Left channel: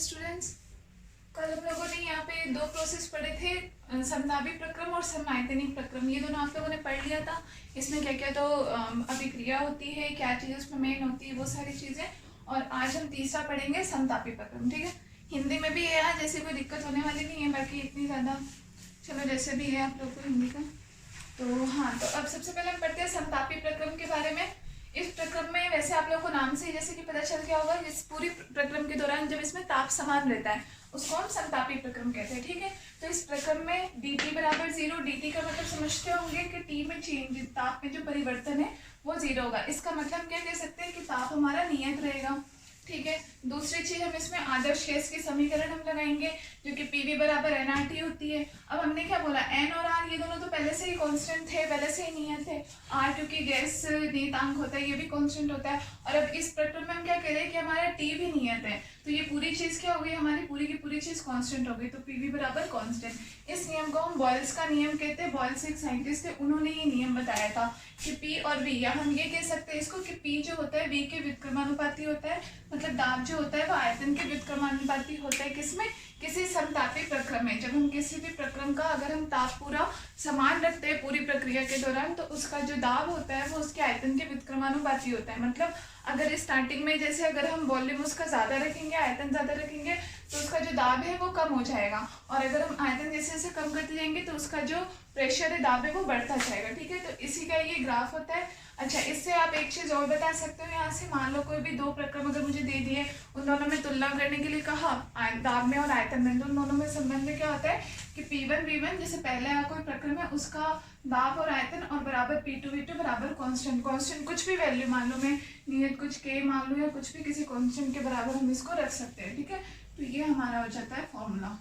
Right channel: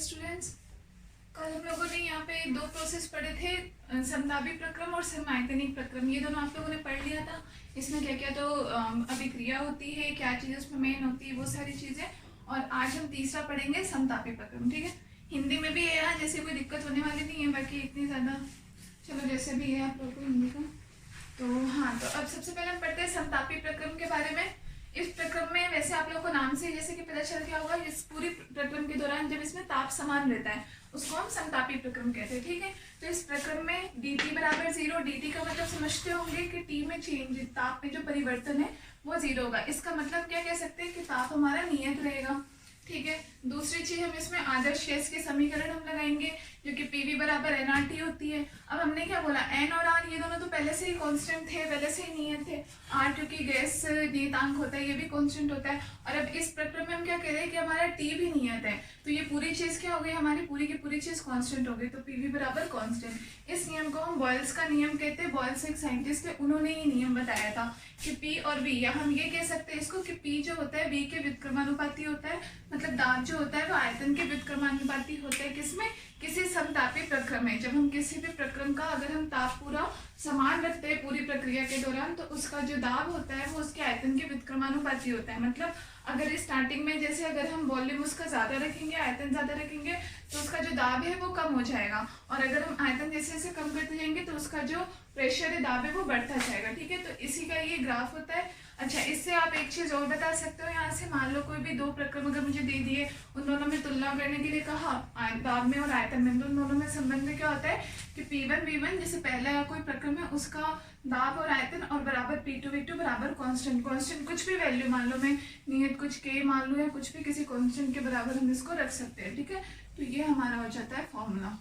Students, कल हम लोगों ने यहाँ पे दो प्रोसेस पढ़े थे, समतापी प्रक्रम और समआयतनिक प्रक्रम। ये दोनों आप लोगों ने पढ़ लिया था। इसमें क्या क्या तो अभिक्रिया होती है, क्या चीज़ उसमें मेन होती है, वो सारी चीज़ें। और आज हम तीसरा पढ़ेंगे समतापी प्रक्रम। ठीक है, हिंदी में भी है यार, जैसे कोई दिक्कत होने वाली नहीं है, बाकी इतनी ज़्यादा चलो जैसे भी है आप लोग को हिंदी का। तो हाँ, तो अब सबसे पहले हम पढ़ते हैं समतापी प्रक्रम के बारे में। इस प्रक्रम में वैसे आप लोगों को नाम से जैसे कि पता चल गया होगा, इस पूरी प्रक्रम के दौरान जब इसमें ताप समान रहता है उसको हम समतापी प्रक्रम कहते हैं। ठीक है, तो इस प्रक्रम में dt बराबर 0, dt का मतलब समझते होंगे कि t में चेंज, ताप में जो परिवर्तन है वो 0 होगा। इसका मतलब क्या कह सकते हैं कि ताप हमारा नियत रहेगा। ठीक है, दूसरी चीज हम इसमें आदर्श गैस के समीकरण हम लगाएंगे, जो कि PV बराबर nRT होती है। अब हमने क्या बोला, n और r ये दोनों तो पहले से ही कांस्टेंट थे, पहले से ही नियत थे। r क्योंकि गैस नियतांक होता है, ये भी कांस्टेंट होता है। और अब इस प्रक्रम में हम क्या कह रहे हैं कि हमारा t भी नियत है, तो ये पूरी चीज क्या हो गई, हमारी पूरी की पूरी चीज कांस्टेंट हो गई। तो PV बराबर कांस्टेंट। इस नियम को हम बॉयल्स का नियम कहते हैं। बॉयल्स एक साइंटिस्ट थे, उन्होंने ये नियम बताया था कि P और V, या हम ये कह सकते हैं इसको कि P जो होता है V के व्युत्क्रमानुपाती होता है, मतलब दाब जो होता है वो आयतन के व्युत्क्रमानुपाती होता है। किसमें, किसी समतापी प्रक्रम में। जब हम किसी भी प्रक्रम का अगर हम ताप पूरा समान रखते हैं पूरी प्रक्रिया के दौरान, तो उसका जो दाब होता है वो उसके आयतन के व्युत्क्रमानुपाती होता है। मतलब अगर स्टार्टिंग में जैसे अगर हम वॉल्यूम उसका ज्यादा रखेंगे, आयतन ज्यादा रखेंगे, तो उसका जो दाब है वो कम हो जाएगा। और अगर हम आयतन जैसे जैसे कम करते जाएंगे तो उसका जो प्रेशर है, दाब है, वो बढ़ता जाएगा। ठीक है, तो इसी का ये ग्राफ होता है। अच्छा, इससे आप एक चीज और बता सकते हो, यहाँ से मान लो कोई भी दो प्रक्रम अगर मुझे दे दिए, उन दोनों में तुलना करने के लिए कहा, दाब में और आयतन में, तो उन दोनों में संबंध में क्या होता है कि P1 V1 जैसे पहला कोई प्रक्रम है उसका दाब और आयतन और बराबर P2 V2 बराबर कांस्टेंट। कांस्टेंट कुछ भी वैल्यू मान लो, मैं नियत कुछ K मान लो या कुछ भी किसी कांस्टेंट के बराबर हम इसको रख सकते हैं। ठीक है, तो ये हमारा हो जाता है फॉर्मूला।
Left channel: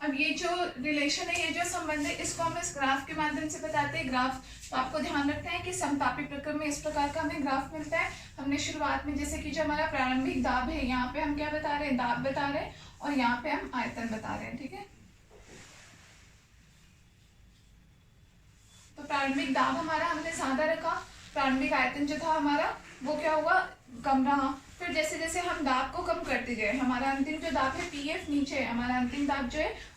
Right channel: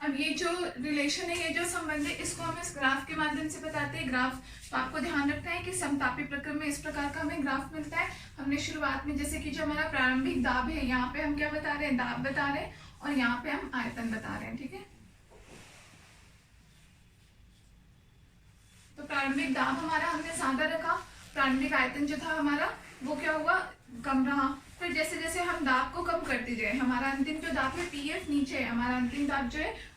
अब ये जो रिलेशन है, ये जो संबंध है, इसको हम इस ग्राफ के माध्यम से बताते हैं। ग्राफ, तो आपको ध्यान रखना है कि समतापी प्रक्रम में इस प्रकार का हमें ग्राफ मिलता है। हमने शुरुआत में जैसे कि जो हमारा प्रारंभिक दाब है, यहाँ पे हम क्या बता रहे हैं, दाब बता रहे हैं, और यहाँ पे हम आयतन बता रहे हैं। ठीक है, तो प्रारंभिक दाब हमारा हमने ज्यादा रखा, प्रारंभिक आयतन जो था हमारा वो क्या हुआ, कम रहा। फिर जैसे जैसे हम दाब को कम करते गए, हमारा अंतिम जो दाब है PF नीचे है, हमारा अंतिम दाब जो है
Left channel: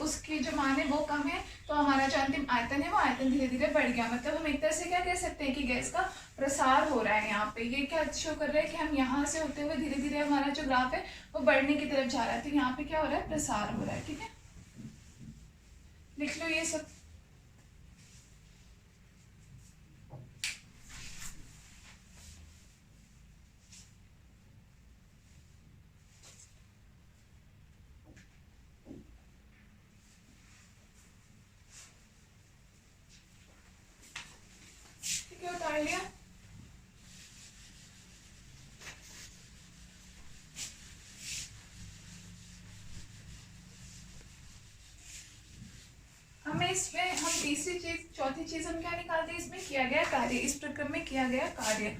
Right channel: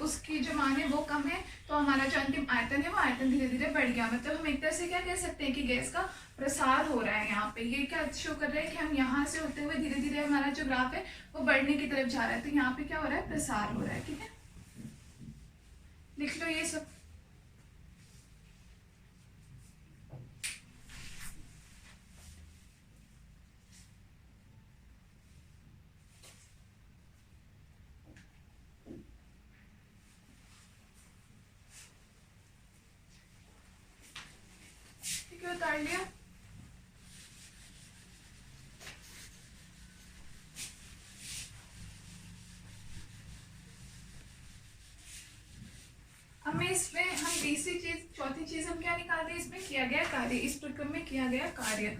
उसकी जो मान है वो कम है, तो हमारा जो अंतिम आयतन है वो आयतन धीरे धीरे बढ़ गया। मतलब हम एक तरह से क्या कह सकते हैं कि गैस का प्रसार हो रहा है। यहाँ पे ये क्या शो कर रहा है कि हम यहाँ से होते हुए धीरे धीरे हमारा जो ग्राफ है वो बढ़ने की तरफ जा रहा है। तो यहाँ पे क्या हो रहा है, प्रसार हो रहा है। ठीक है, लिख लो ये सब। उतार लिया। हमें इसमें हम तीसरी चीज, चौथी चीज हम क्या निकालते हैं, इसमें किया गया कार्य, इस प्रक्रम में किया गया कार्य।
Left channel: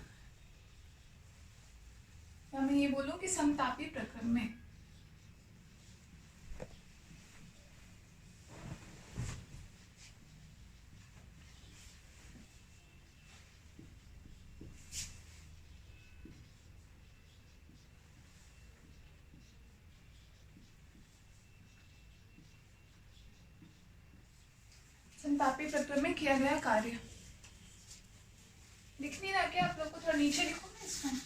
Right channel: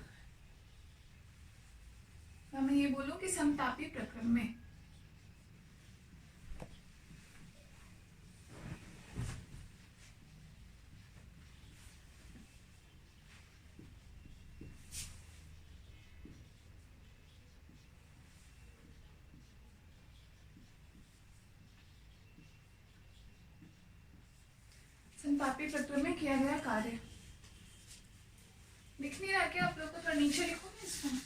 मैं ये बोलूं कि समतापी प्रक्रम में समतापी प्रक्रम में किया गया कार्य। लिख नहीं रहा क्या आप लोग को, थोड़ा नीचे लिखो ना इसको।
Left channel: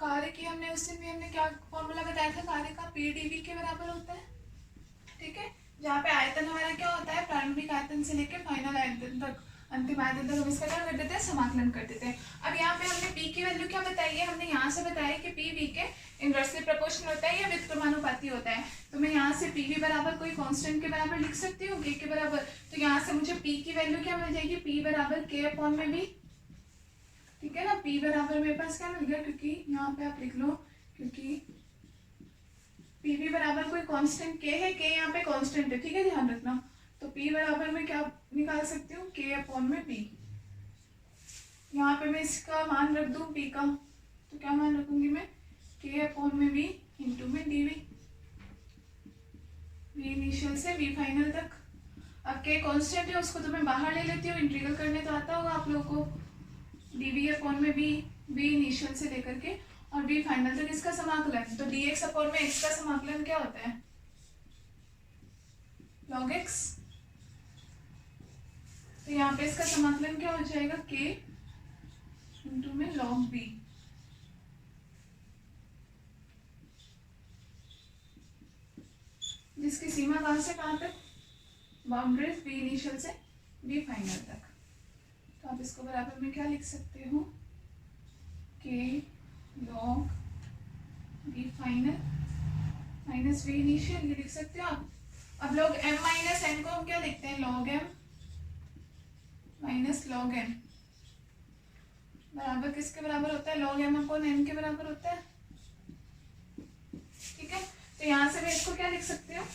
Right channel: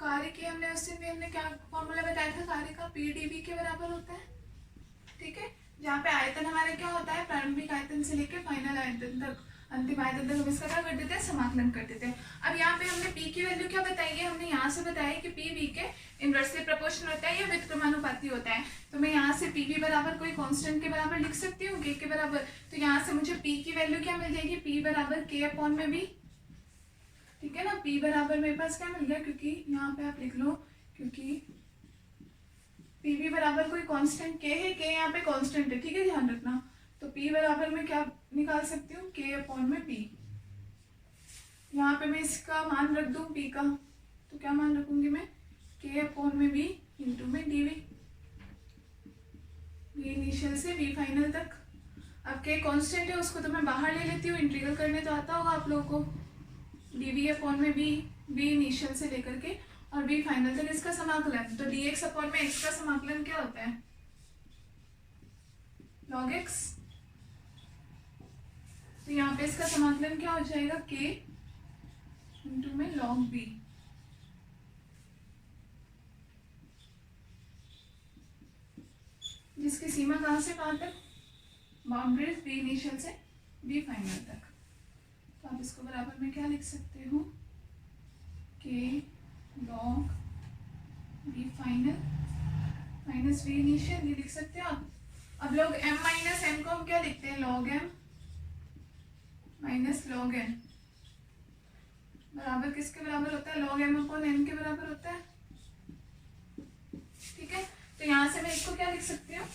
कार्य की हमने उस दिन भी हमने क्या फॉर्मूला बताया था, कार्य का PdV के बराबर होता है। ठीक है, जहाँ पे आयतन हमारा क्या होता है, प्रारंभिक आयतन से लेके फाइनल आयतन तक, अंतिम आयतन तक हम इसका क्या कर देते हैं, समाकलन कर देते हैं। अब यहाँ पे हमने P की वैल्यू क्या बताई है, हमने यहाँ से बताया कि P V के इनवर्सली प्रोपोर्शनल होता है या व्युत्क्रमानुपाती होता है। तो मैं यहाँ से PV बराबर कोई कांस्टेंट के बराबर लिख सकती हूँ, K के बराबर। तो यहाँ से मुझे P की वैल्यू क्या मिल जाएगी, P बराबर K अपॉन में V। ठीक है ना। P बराबर मेरे पास क्या मिल गया, क्योंकि यहाँ पे आप लिख लो, क्योंकि PV बराबर कोई कांस्टेंट K है, K यहाँ पे कांस्टेंट है, ठीक है, ध्यान रखना। तो P बराबर मैं क्या निकाल सकती हूँ, K अपॉन में P। यहाँ पे मैं इसका मान रख दूँ P का, तो क्या मान रखूंगी मैं, K अपॉन में V इंटू में dV, V इनिशियल से V फाइनल तक। अब K कांस्टेंट है, उसको तो मैं बाहर ले लेती हूँ, इंटीग्रल करने तो आता होगा आप लोगों को। dV अपॉन में V, V इनिशियल से लेकर के और V फाइनल तक इसका समाकलन, तो dx अपॉन में x का समाकलन क्या होता है, log x। तो यहाँ पे इसका समाकलन क्या हो जाएगा, K इंटू में log V। जिसकी सीमा कहाँ से कहाँ तक, बाउंड्रीज V इनिशियल से V फाइनल तक। तो आप इसको बराबर में क्या लिख सकते हो, K log V final minus V initial, ये लिख सकते हो आप। अब log m माइनस n को हम क्या लिखते हैं, log m minus log n बराबर किसके बराबर होता है, log m अपॉन n के बराबर होता है, ठीक है। तो यहाँ से मैं इसको क्या लिख सकती हूँ,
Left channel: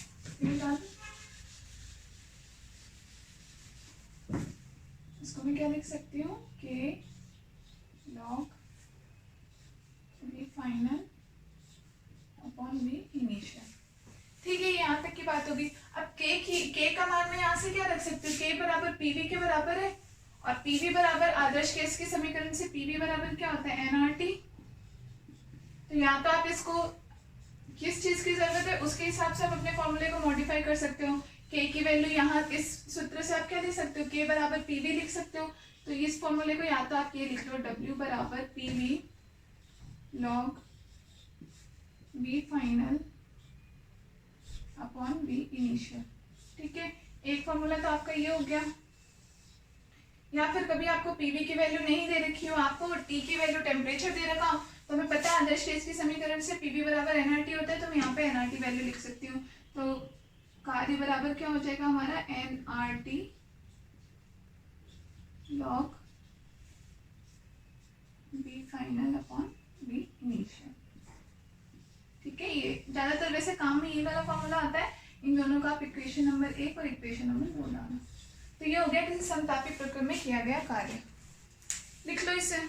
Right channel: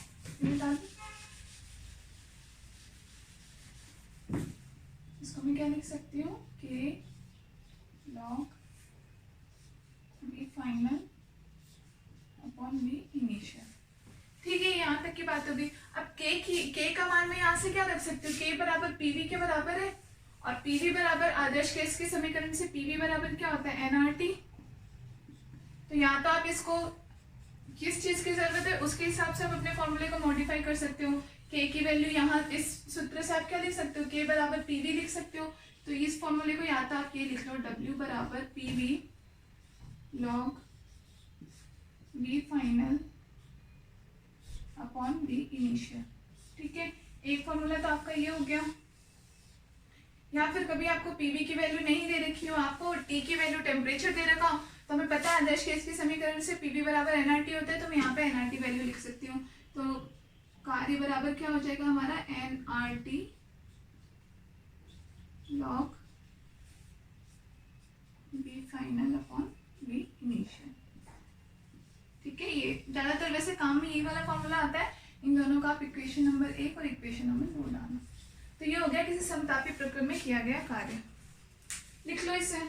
इसको मैं क्या लिख सकती हूँ, K log V final upon V initial, ठीक है। यहाँ तक की बात होगी। अब K का मान मैं यहाँ से क्या रख सकती हूँ, K बराबर PV के बराबर है, और PV बराबर आदर्श केस के समीकरण से PV बराबर क्या होता है, nRT। तो यहाँ तो आप इसको किस चीज की जरूरत है उसके हिसाब से आप अपने फॉर्मूले को मॉडिफाई कर सकते हो। K की वैल्यू यहाँ इस सूत्र से आप क्या लिख सकते हो, K बराबर PV लिख सकते हो। तो इस फॉर्मूले को या तो आप ये लिख लो, W बराबर PV log V final upon V initial, ठीक है। एक फॉर्मूला तो आपका ये हो गया। या फिर कभी आपको PV की वैल्यू नहीं दे रखी हो, आपको T की वैल्यू टेम्परेचर दे रखा हो, तो हमें पता है आदर्श केस के समीकरण से PV बराबर nRT होता है, तो मैं यहाँ पे nRT वैल्यू लिख सकती हूँ। तो कार्य बराबर क्या हो जाएगा हमारा, nRT log V final upon V initial, ठीक है। ये ज्यादातर वैसे काम में ये वाला फॉर्मूला आता है। इन दोनों का आप इक्वेशन नंबर 1 और इक्वेशन नंबर 2 डालना। तो ये हो गया किसी समतापी प्रक्रम में किया गया कार्य, लिख लो इसे।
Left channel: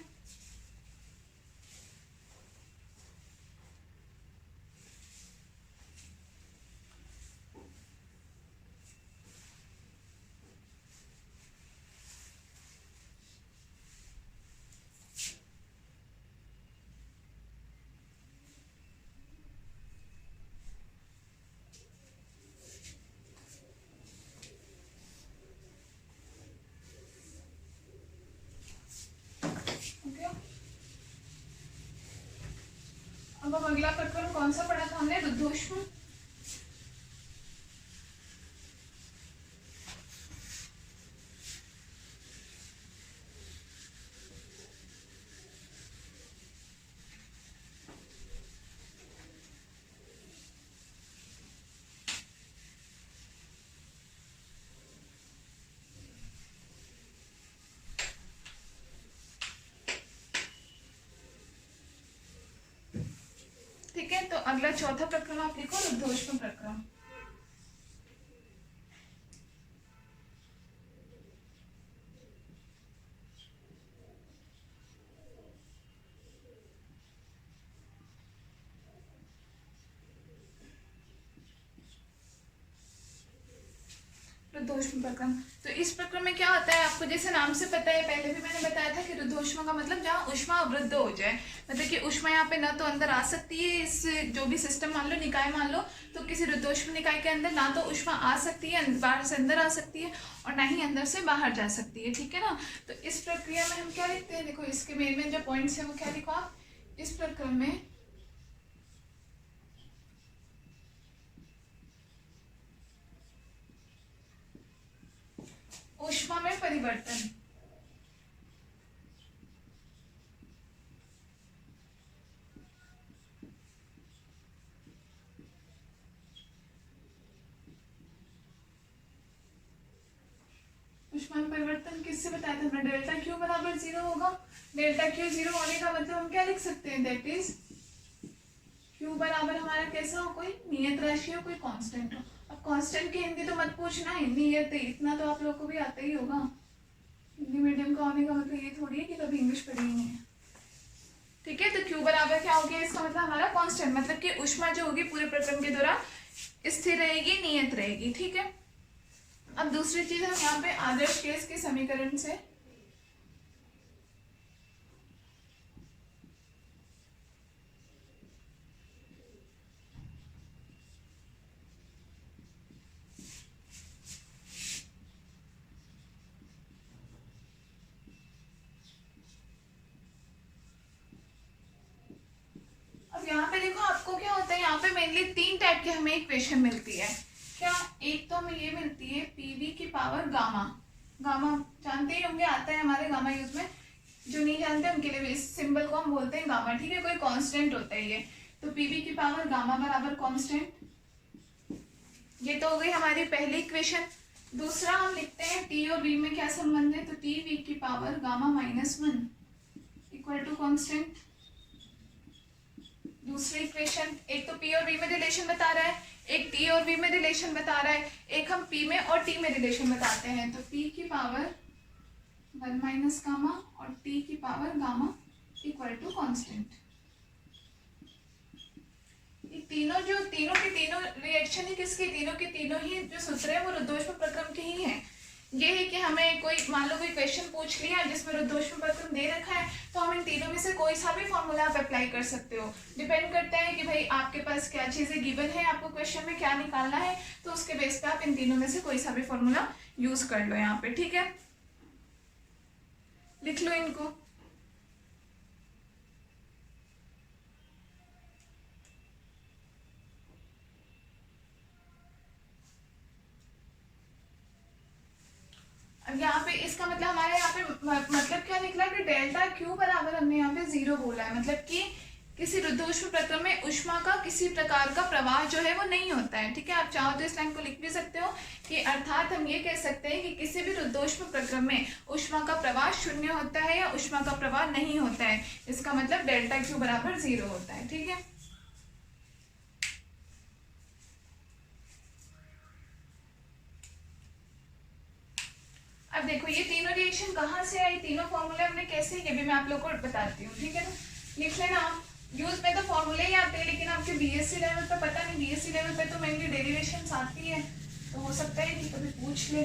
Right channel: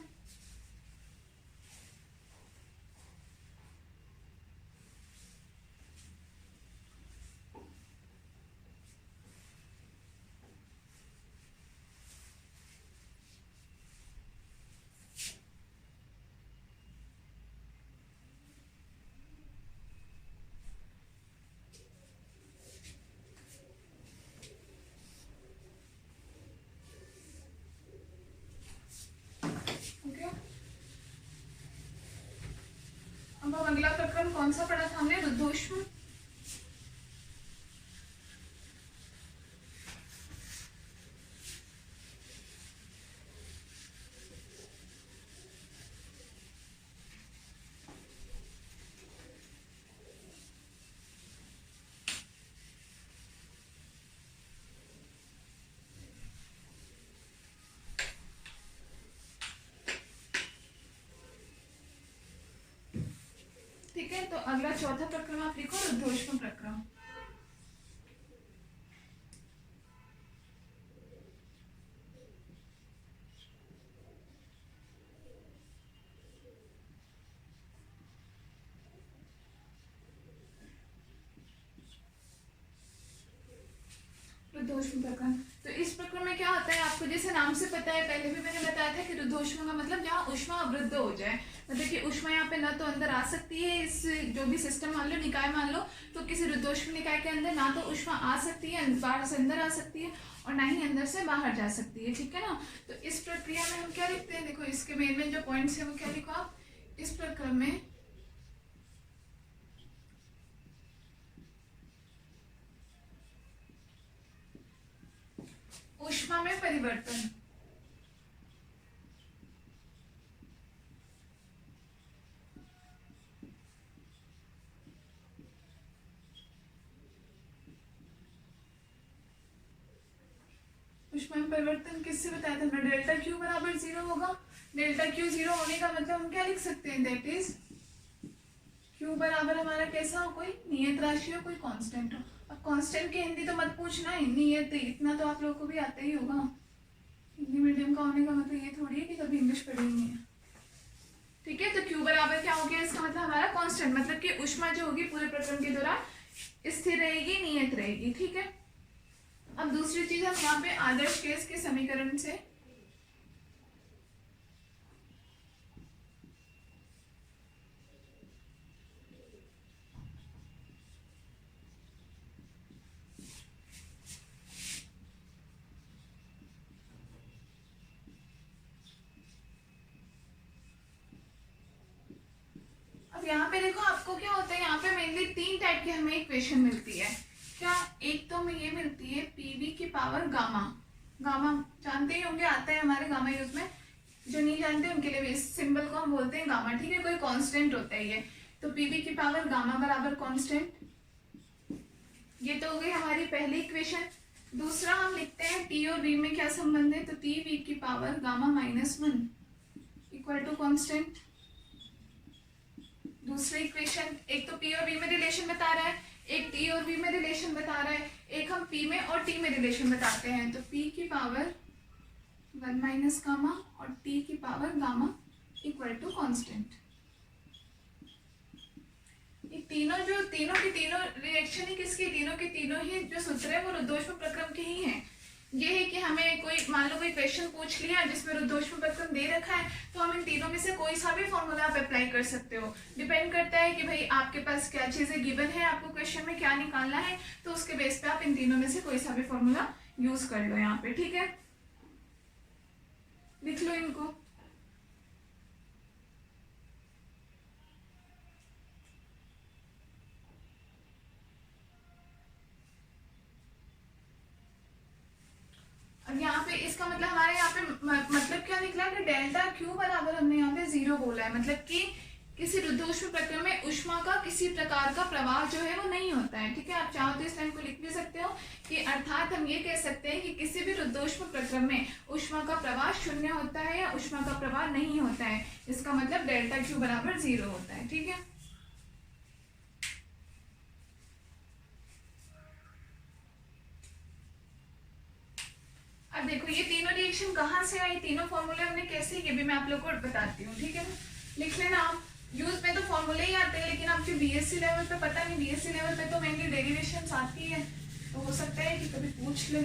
अब हम अगला प्रक्रम कौन सा पढ़ा था हमने, रुद्धोष्म। ठीक है, तो अगला चौथा प्रक्रम आप लिखो, रुद्धोष्म प्रक्रम। रुद्धोष्म प्रक्रम। तो इस प्रक्रम में क्या होता है, आपको जैसे नाम से पता है, पहले भी मैंने बताया था कि रुद्धोष्म का मतलब जहाँ ऊष्मा अवरुद्ध हो जाए, मतलब कि ऊष्मा यहाँ पे न तो अंदर आ सकती है, इस जो भी सिस्टम मान लो, निकाय मान लो, तो किसी रुद्धोष्म निकाय के अंदर ना तो ऊष्मा आ सकती है, बाहर से अंदर आ सकती है, और ना ही अंदर से बाहर जा सकती है, ठीक है ना। तो इस प्रक्रिया में हम क्या लिखते हैं, देखो इसके मेन जो पॉइंट्स है वो क्या लिखो आप, इस प्रक्रम में ऊष्मा में परिवर्तन, ऊष्मा में परिवर्तन किससे बताया था हमने, डेल्टा क्यू बराबर 0 होगा, डेल्टा क्यू जीरो होने का मतलब हम क्या लिख सकते हैं, दैट इज क्यू बराबर हमारा कैसा हो, कोई नियत राशि हो, कोई कांस्टेंट हो। अब कांस्टेंट की हिंदी तो मत पूछना, नियत इतना तो आप लोगों को भी आता ही होगा। हिंदी मीडियम का होने का मतलब ये थोड़ी है कि कभी इंग्लिश पढ़ी ही नहीं है, ठीक है। तो क्यू बराबर क्या हो गया, इसका मतलब हमारा कांस्टेंट, मतलब कि ऊष्मा जो होगी पूरे प्रक्रम के दौरान स्थिर रहेगी, नियत रहेगी, ठीक है। अब दूसरी चीज हम यहाँ पे आदर्श गैस के समीकरण से यहाँ पे देखो आपको क्या होता है, यहाँ पे मेनली तीन टाइप की हमें इक्वेशन मिलती है। क्या, एक तो हमें ये मिलती है पीवी की पावर गामा, गामा जानते ही होंगे, आता है हमारे गामा यूज में, जो नहीं जानते उनके लिए इस सिंबल को हम बोलते हैं गामा, ठीक है। कोई कांस्टेंट होता है ये, तो पीवी की पावर गामा बराबर कांस्टेंट, ये तो हो गई हमारी पहली इक्वेशन। दूसरा हम लिखते हैं टी और वी में क्या संबंध है, तो टी वी की power gamma -1 equal to constant. दूसरी इक्वेशन, एक तो पी और वी में रिलेशन बता रहा है, एक टी और वी में रिलेशन बता रहा है, एक हम पी में और टी में रिलेशन बताते हैं, तो पी की पावर 1 माइनस गामा और टी की power gamma equal to constant. ये तीनों की तीनों रिएक्शन है किसकी, तीनों की तीनों ही जो सूत्र है वो रुद्धोष्म प्रक्रम के ही हैं। ये है कि हमें कोई मान लो कोई क्वेश्चन पूछ लिया जिसमें रुद्धोष्म प्रक्रम दे रखा है, तो हम इन तीनों में से कोई सा भी फॉर्मूला आप अप्लाई कर सकते हो। डिपेंड करता है कि भाई आपके पास क्या चीजें गिवन है, आपको क्वेश्चन में क्या निकालना है, तो उसके बेस पे आप इन तीनों में से कोई सा भी फॉर्मूला यूज कर लो यहाँ पे, ठीक है। लिख लो इनको। अब यहाँ पे इसका मतलब हमारे यहाँ पे मतलब क्या निकला कि डेल्टा क्यू बराबर हमने यहाँ पे 0 बोला है, मतलब कि किसी रुद्धोष्म प्रक्रम में ऊष्मा का किसी प्रकार का प्रवाह जो है वो नहीं होता है, ठीक है। आप चाहो तो इस लाइन को लिख भी सकते हो कि अर्थात हम ये कह सकते हैं कि किसी भी रुद्धोष्म प्रक्रम में ऊष्मा का प्रवाह 0 होता है या ऊष्मा का प्रवाह नहीं होता है। इसका मतलब डेल्टा क्यू बराबर 0 होता है, ठीक है। अब देखो ये तीनों रिएक्शन कहाँ से आई, तीनों फॉर्मूले हमने कैसे, ये भी मैं आप लोग को बताती हूँ, ठीक है ना। लिख लेना आप, यूज में तो फॉर्मूले ही आते हैं, लेकिन आपके बीएससी लेवल पे पता नहीं, बीएससी लेवल पे तो मेनली डेरिवेशंस आती है, तो हो सकता है कि कभी पूछ ले।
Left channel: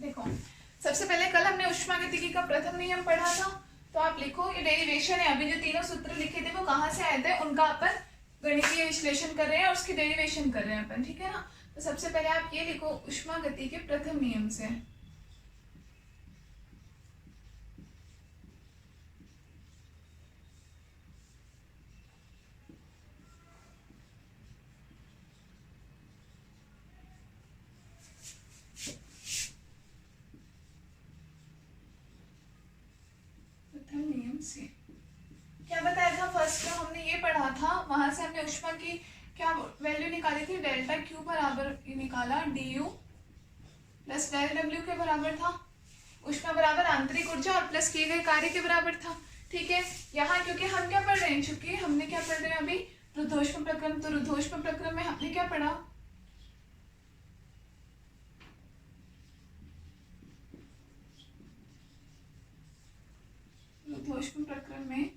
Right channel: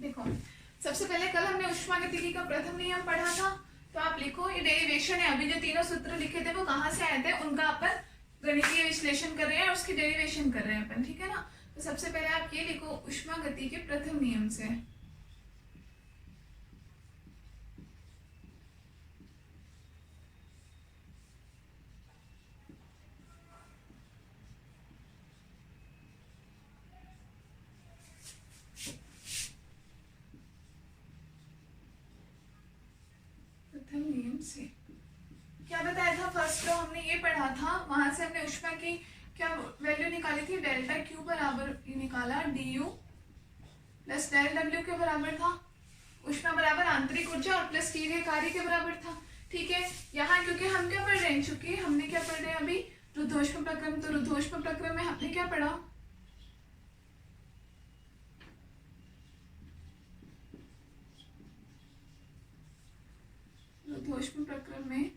देखो सबसे पहले कल हमने ऊष्मागतिकी का प्रथम नियम पढ़ा था, तो आप लिखो ये डेरिवेशन है। अभी जो तीनों सूत्र लिखे थे वो कहाँ से आए थे, उनका अपन गणितीय विश्लेषण कर रहे हैं और उसकी डेरिवेशन कर रहे हैं अपन, ठीक है ना। तो सबसे पहले आप ये लिखो ऊष्मागति के प्रथम नियम से, प्रथम नियम से क्या बताया था, फर्स्ट तो हमने ये पढ़ा था, वहां से हमने ऊष्मा की क्या वैल्यू निकाली थी, डेल्टा क्यू बराबर निकाला D U plus del W के बराबर था। ऊष्मा बराबर आंतरिक ऊर्जा और प्लस किए गए कार्य के बराबर था, ठीक है। यहाँ क्योंकि हम क्या पढ़ रहे हैं, चूंकि हमने क्या पढ़ रहे हैं अभी रुद्धोष्म प्रक्रम, तो रुद्धोष्म प्रक्रम में हमने क्या पढ़ा, रुद्धोष्म प्रक्रम में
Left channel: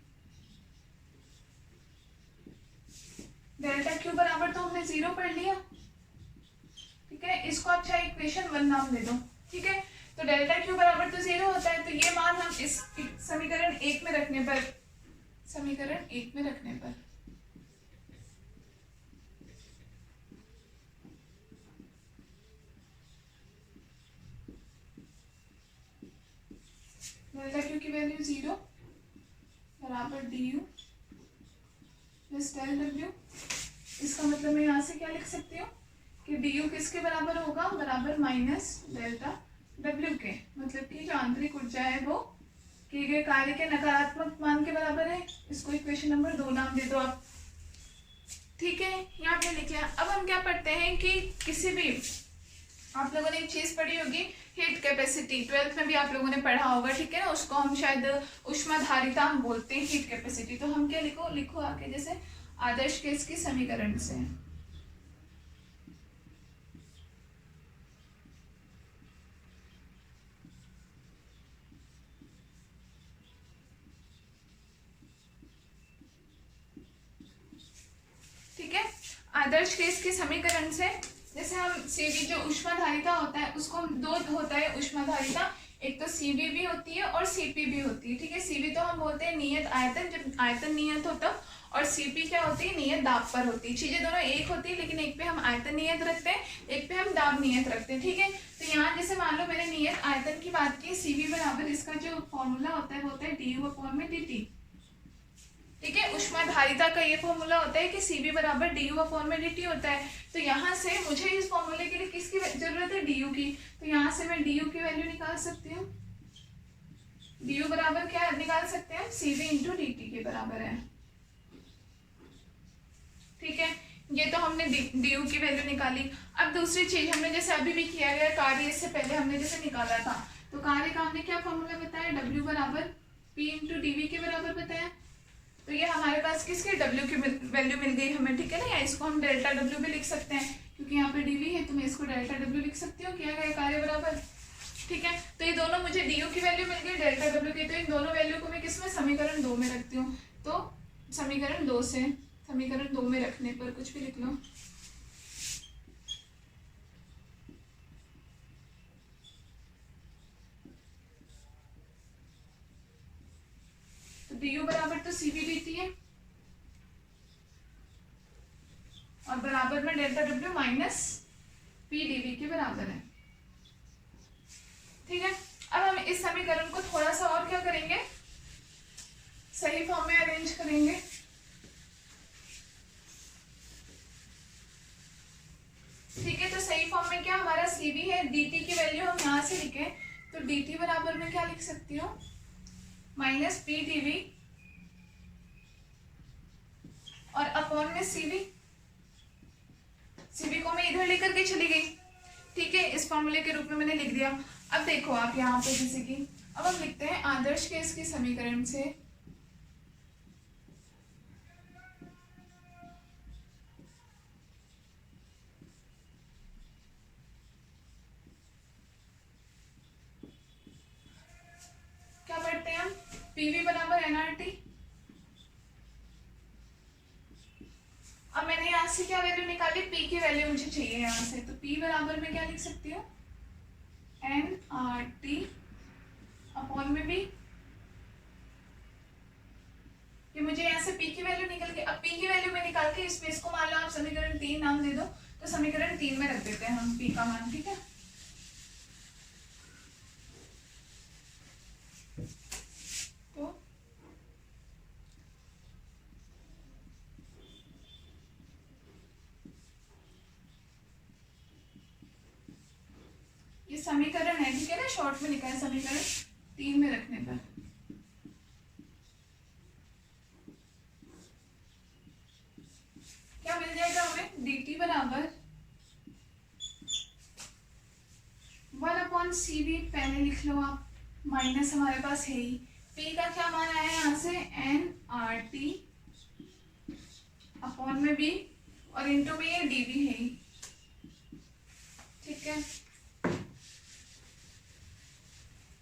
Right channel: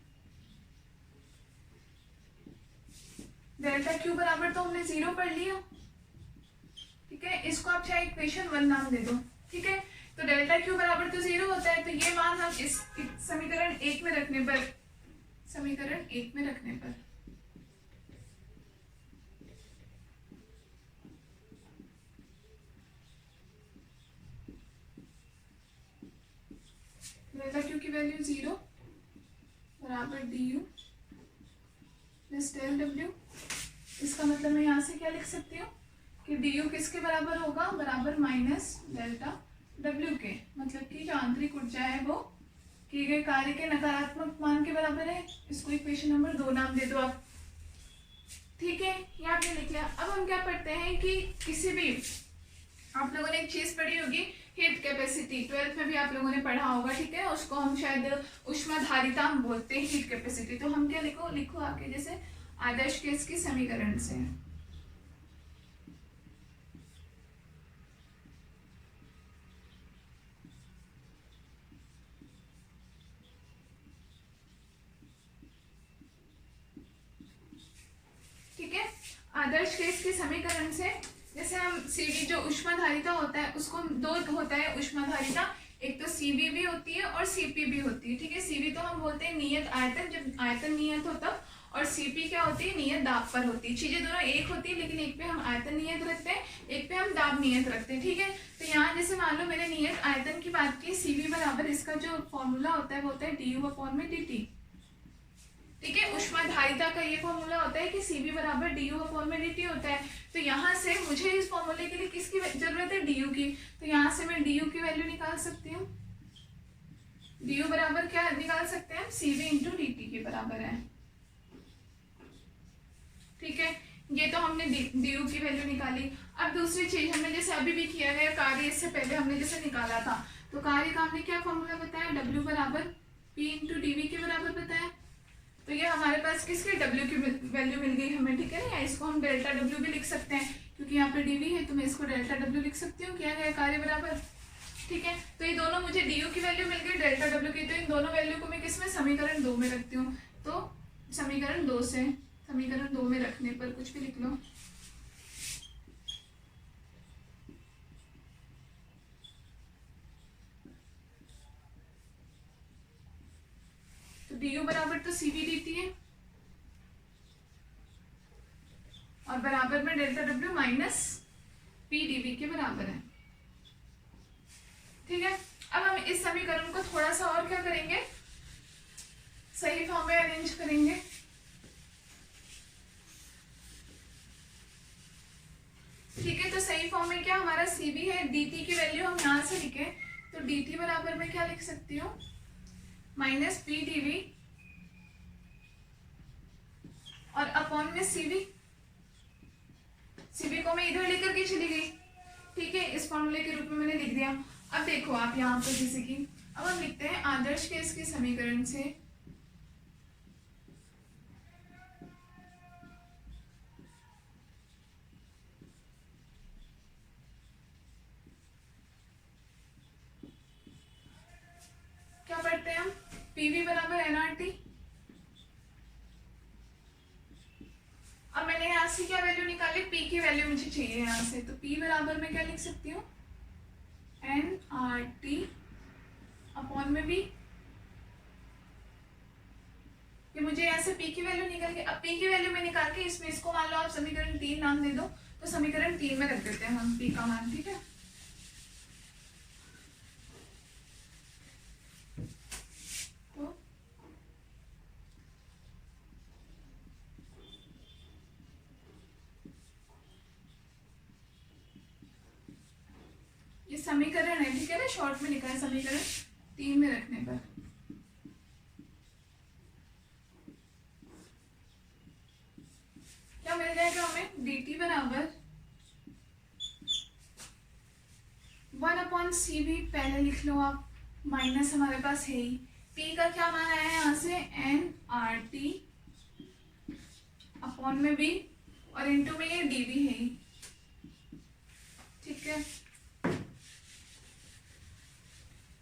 डेल्टा क्यू बराबर तो हमने 0 पढ़ लिया, ठीक है। इसको आप चाहे इक्वेशन 1 नाम दे दो, ठीक है। तो डेल्टा क्यू बराबर तो 0 होता है, तो ये मान हम इस समीकरण 1 में रखने पर, समीकरण 1 में रखने पर डेल्टा क्यू की वैल्यू 0 बराबर D U plus del W. इसका मतलब मैं यहाँ से क्या लिख सकती हूँ कि डी यू किसके बराबर होगा, बराबर माइनस डेल्टा डब्ल्यू के, मतलब कि जो आंतरिक ऊर्जा है वो किए गए कार्य के नकारात्मक मान के बराबर है। इसको इक्वेशन नंबर 2 नाम दे दो आप, ठीक है। ये आपने लिख लिया। अब हम क्या पढ़ते हैं कि किसी भी आप लोगों ने एक चीज पढ़ी होगी हीट कैपेसिटी, 12th में भी आप लोगों ने पढ़ा होगा, ठीक है ना। उसको हम शायद ऊष्माधारिता हम बोलते हैं, हीट कैपेसिटी। तो हम क्या लिखो आगे, जैसे आदर्श केस की समीकरण से। ठीक है, आदर्श केस की समीकरण से जैसे हम सीवी जो ऊष्माधारिता होता है उसको दो होता है ऊष्माधारिता, एक तो सीवी भी होती है और सीपी भी होती है। ठीक है, सीवी तो हम बोलते हैं नियत आयतन, जब आयतन नियत हो तब, और सीपी क्या होती है, नियत दाब पर होती है। चीजें दोनों एक होती है, लेकिन एक पे हम आयतन नियत रखते हैं, एक पे हम दाब नियत रखते हैं। ठीक है, तो यहाँ जैसे मान लो मैंने नियत आयतन की बात की, सीवी बराबर इसका जो फॉर्मूला होता है वो होता है du/dt। ठीक है, ऊष्माधारिता का ये फॉर्मूला होता है कि सीबी बराबर du/dt होता है। तो यहाँ से मुझे इस फॉर्मूले के लिए किसकी जरूरत है, du की। तो यहाँ से मैं du की वैल्यू निकाल सकती हूँ। du बराबर क्या निकाल सकते हैं, cv इंटू dt के बराबर है। ठीक है, ये तो हमने du की वैल्यू निकाली। अब दूसरी चीज हमने जैसे अभी भी किया गया कार्य, इससे पहले हमने जैसे निकाला था, तो कार्य का हमने क्या फॉर्मूला बताया, w बराबर p इंटू dv के बराबर बताया। तो ये हमारे पास किसके w की वैल्यू मिल गई हमें। ठीक है ना, या इसको हम डेल्टा w भी लिख सकते हैं, क्योंकि यहाँ पे dv है तो मैं इसको डेल्टा w लिख सकती हूँ, किया गया कार्य बराबर। ठीक है, तो ये दोनों मुझे du की वैल्यू मिल गई, डेल्टा w की। तो इन दोनों वैल्यू को मैं किसमें, समीकरण 2 में रखती हूँ। तो समीकरण 2 से, समीकरण 2 में रखने पर कुछ भी लिख लो, तो du बराबर तो cv dt है, और बराबर में delta w minus p dv के बराबर है। ठीक है, अब हम इस समीकरण को थोड़ा सा और क्या करेंगे, सही फॉर्म में अरेंज करेंगे। ठीक है, तो सही फॉर्म में क्या हमारा cv है, dt की वैल्यू हम यहाँ से लिखे, तो dt बराबर में क्या लिख सकती हूँ, माइनस p dv, और अपॉन में cv। cv को मैं इधर लेकर के चली गई। ठीक है, इस फॉर्मूले के रूप में मैंने लिख दिया। अब देखो आप यहाँ पे, जैसे कि अब हम लिखते हैं आदर्श केस की समीकरण से, क्या पढ़ते हैं हम, PV बराबर nRT। अब मैंने यहाँ से क्या वैल्यू निकाली, P की वैल्यू मुझे चाहिए यहाँ से, तो P बराबर में क्या लिख सकती हूँ, nRT अपॉन में भी, ये मुझे यहाँ से P की वैल्यू निकल के, अब P की वैल्यू में निकाल के इसमें इसको मान लो आप समीकरण 3 नाम दे दो, तो समीकरण 3 में रख देते हैं हम P का मान। ठीक है, तो ये समीकरण है, ठीक है ना, शॉर्ट में लिखा है समीकरण 3 में रखने पर। क्या मिल जाएगा हमें, dt बराबर 1/cv, पहले लिख लो आप, माइनस हमारे पास है ही, p का क्या मान आया है यहाँ से, nRT अपॉन में b, और इंटू में ये dv है ही। ठीक है,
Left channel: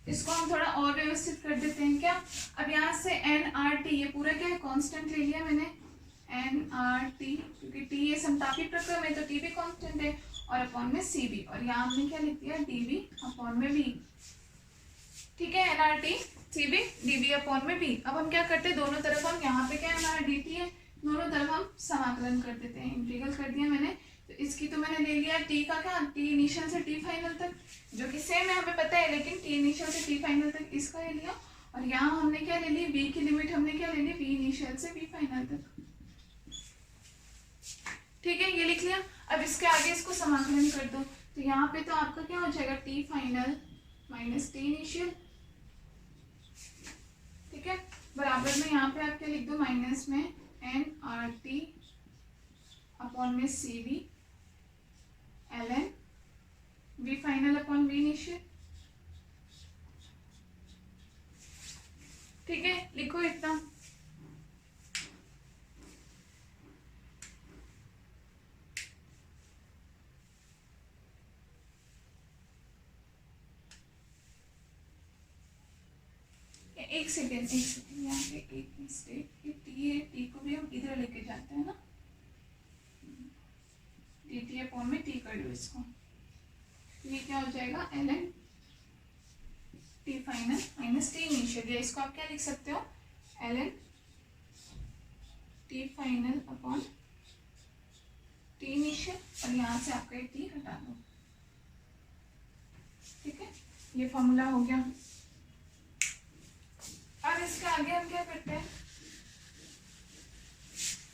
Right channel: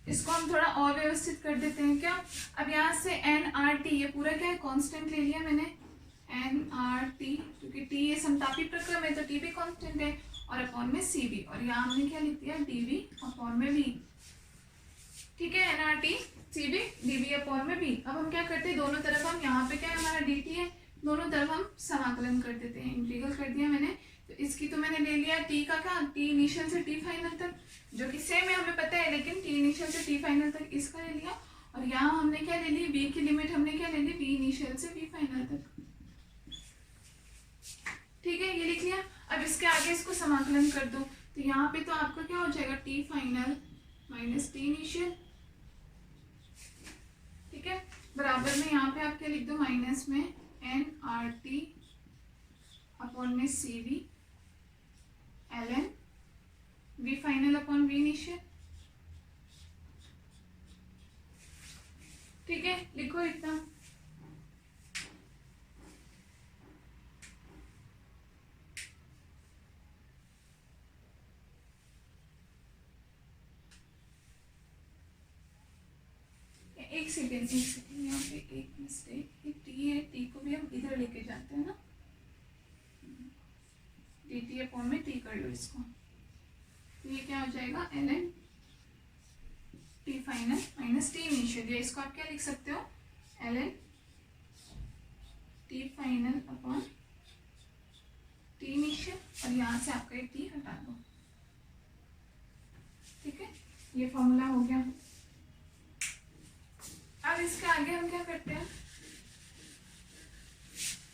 इसको हम थोड़ा और व्यवस्थित कर देते हैं क्या। अब यहाँ से nRT, ये पूरा क्या है, कांस्टेंट ले लिया मैंने, nRT, क्योंकि t ये समतापी प्रक्रम है तो t भी कांस्टेंट है, और अपॉन में cv, और यहाँ हमने क्या लिख दिया, dv अपॉन में v। ठीक है, nRT cv dv अपॉन में v। अब हम क्या करते हैं, दोनों तरफ हम, यहाँ पे क्या है हमारा dt है, दोनों तरफ हम समाकलन कर देते हैं, इंटीग्रल कर दिया मैंने। तो इसकी तो मैंने ले लिया t का क्या, t इनिशियल से t फाइनल तक, जो कि सेम है हमें पता है, लेकिन t इनिशियल से t फाइनल तक इसका ले लिया, और यहाँ हमने क्या ले ली, v की लिमिट हमने क्या ले ली, v इनिशियल से v फाइनल तक। ठीक है, ये लिख लिया। अब इसके आगे इसको समाकलन कर दो, तो यहाँ पे तो आपका क्या हो जाएगा, t final minus t initial. ठीक है, बराबर में यहाँ पे आप क्या लिख दो, माइनस में nRT अपॉन में cv ln v एक सेकेंड यहाँ पे एक मिस्टेक, ये टी है, टी को भी हम इधर लेके जाते हैं ना, डी टी अपॉन में टी कर लो इसको, ये क्या हो जाएगा ln T final minus T initial, या इसको आप क्या लिख सकते हो ln T final upon T initial, और यहाँ से आपका एक टी हटा दो। ठीक है, ये फॉर्मूला हो गया। अब इसके आगे हम क्या करते हैं,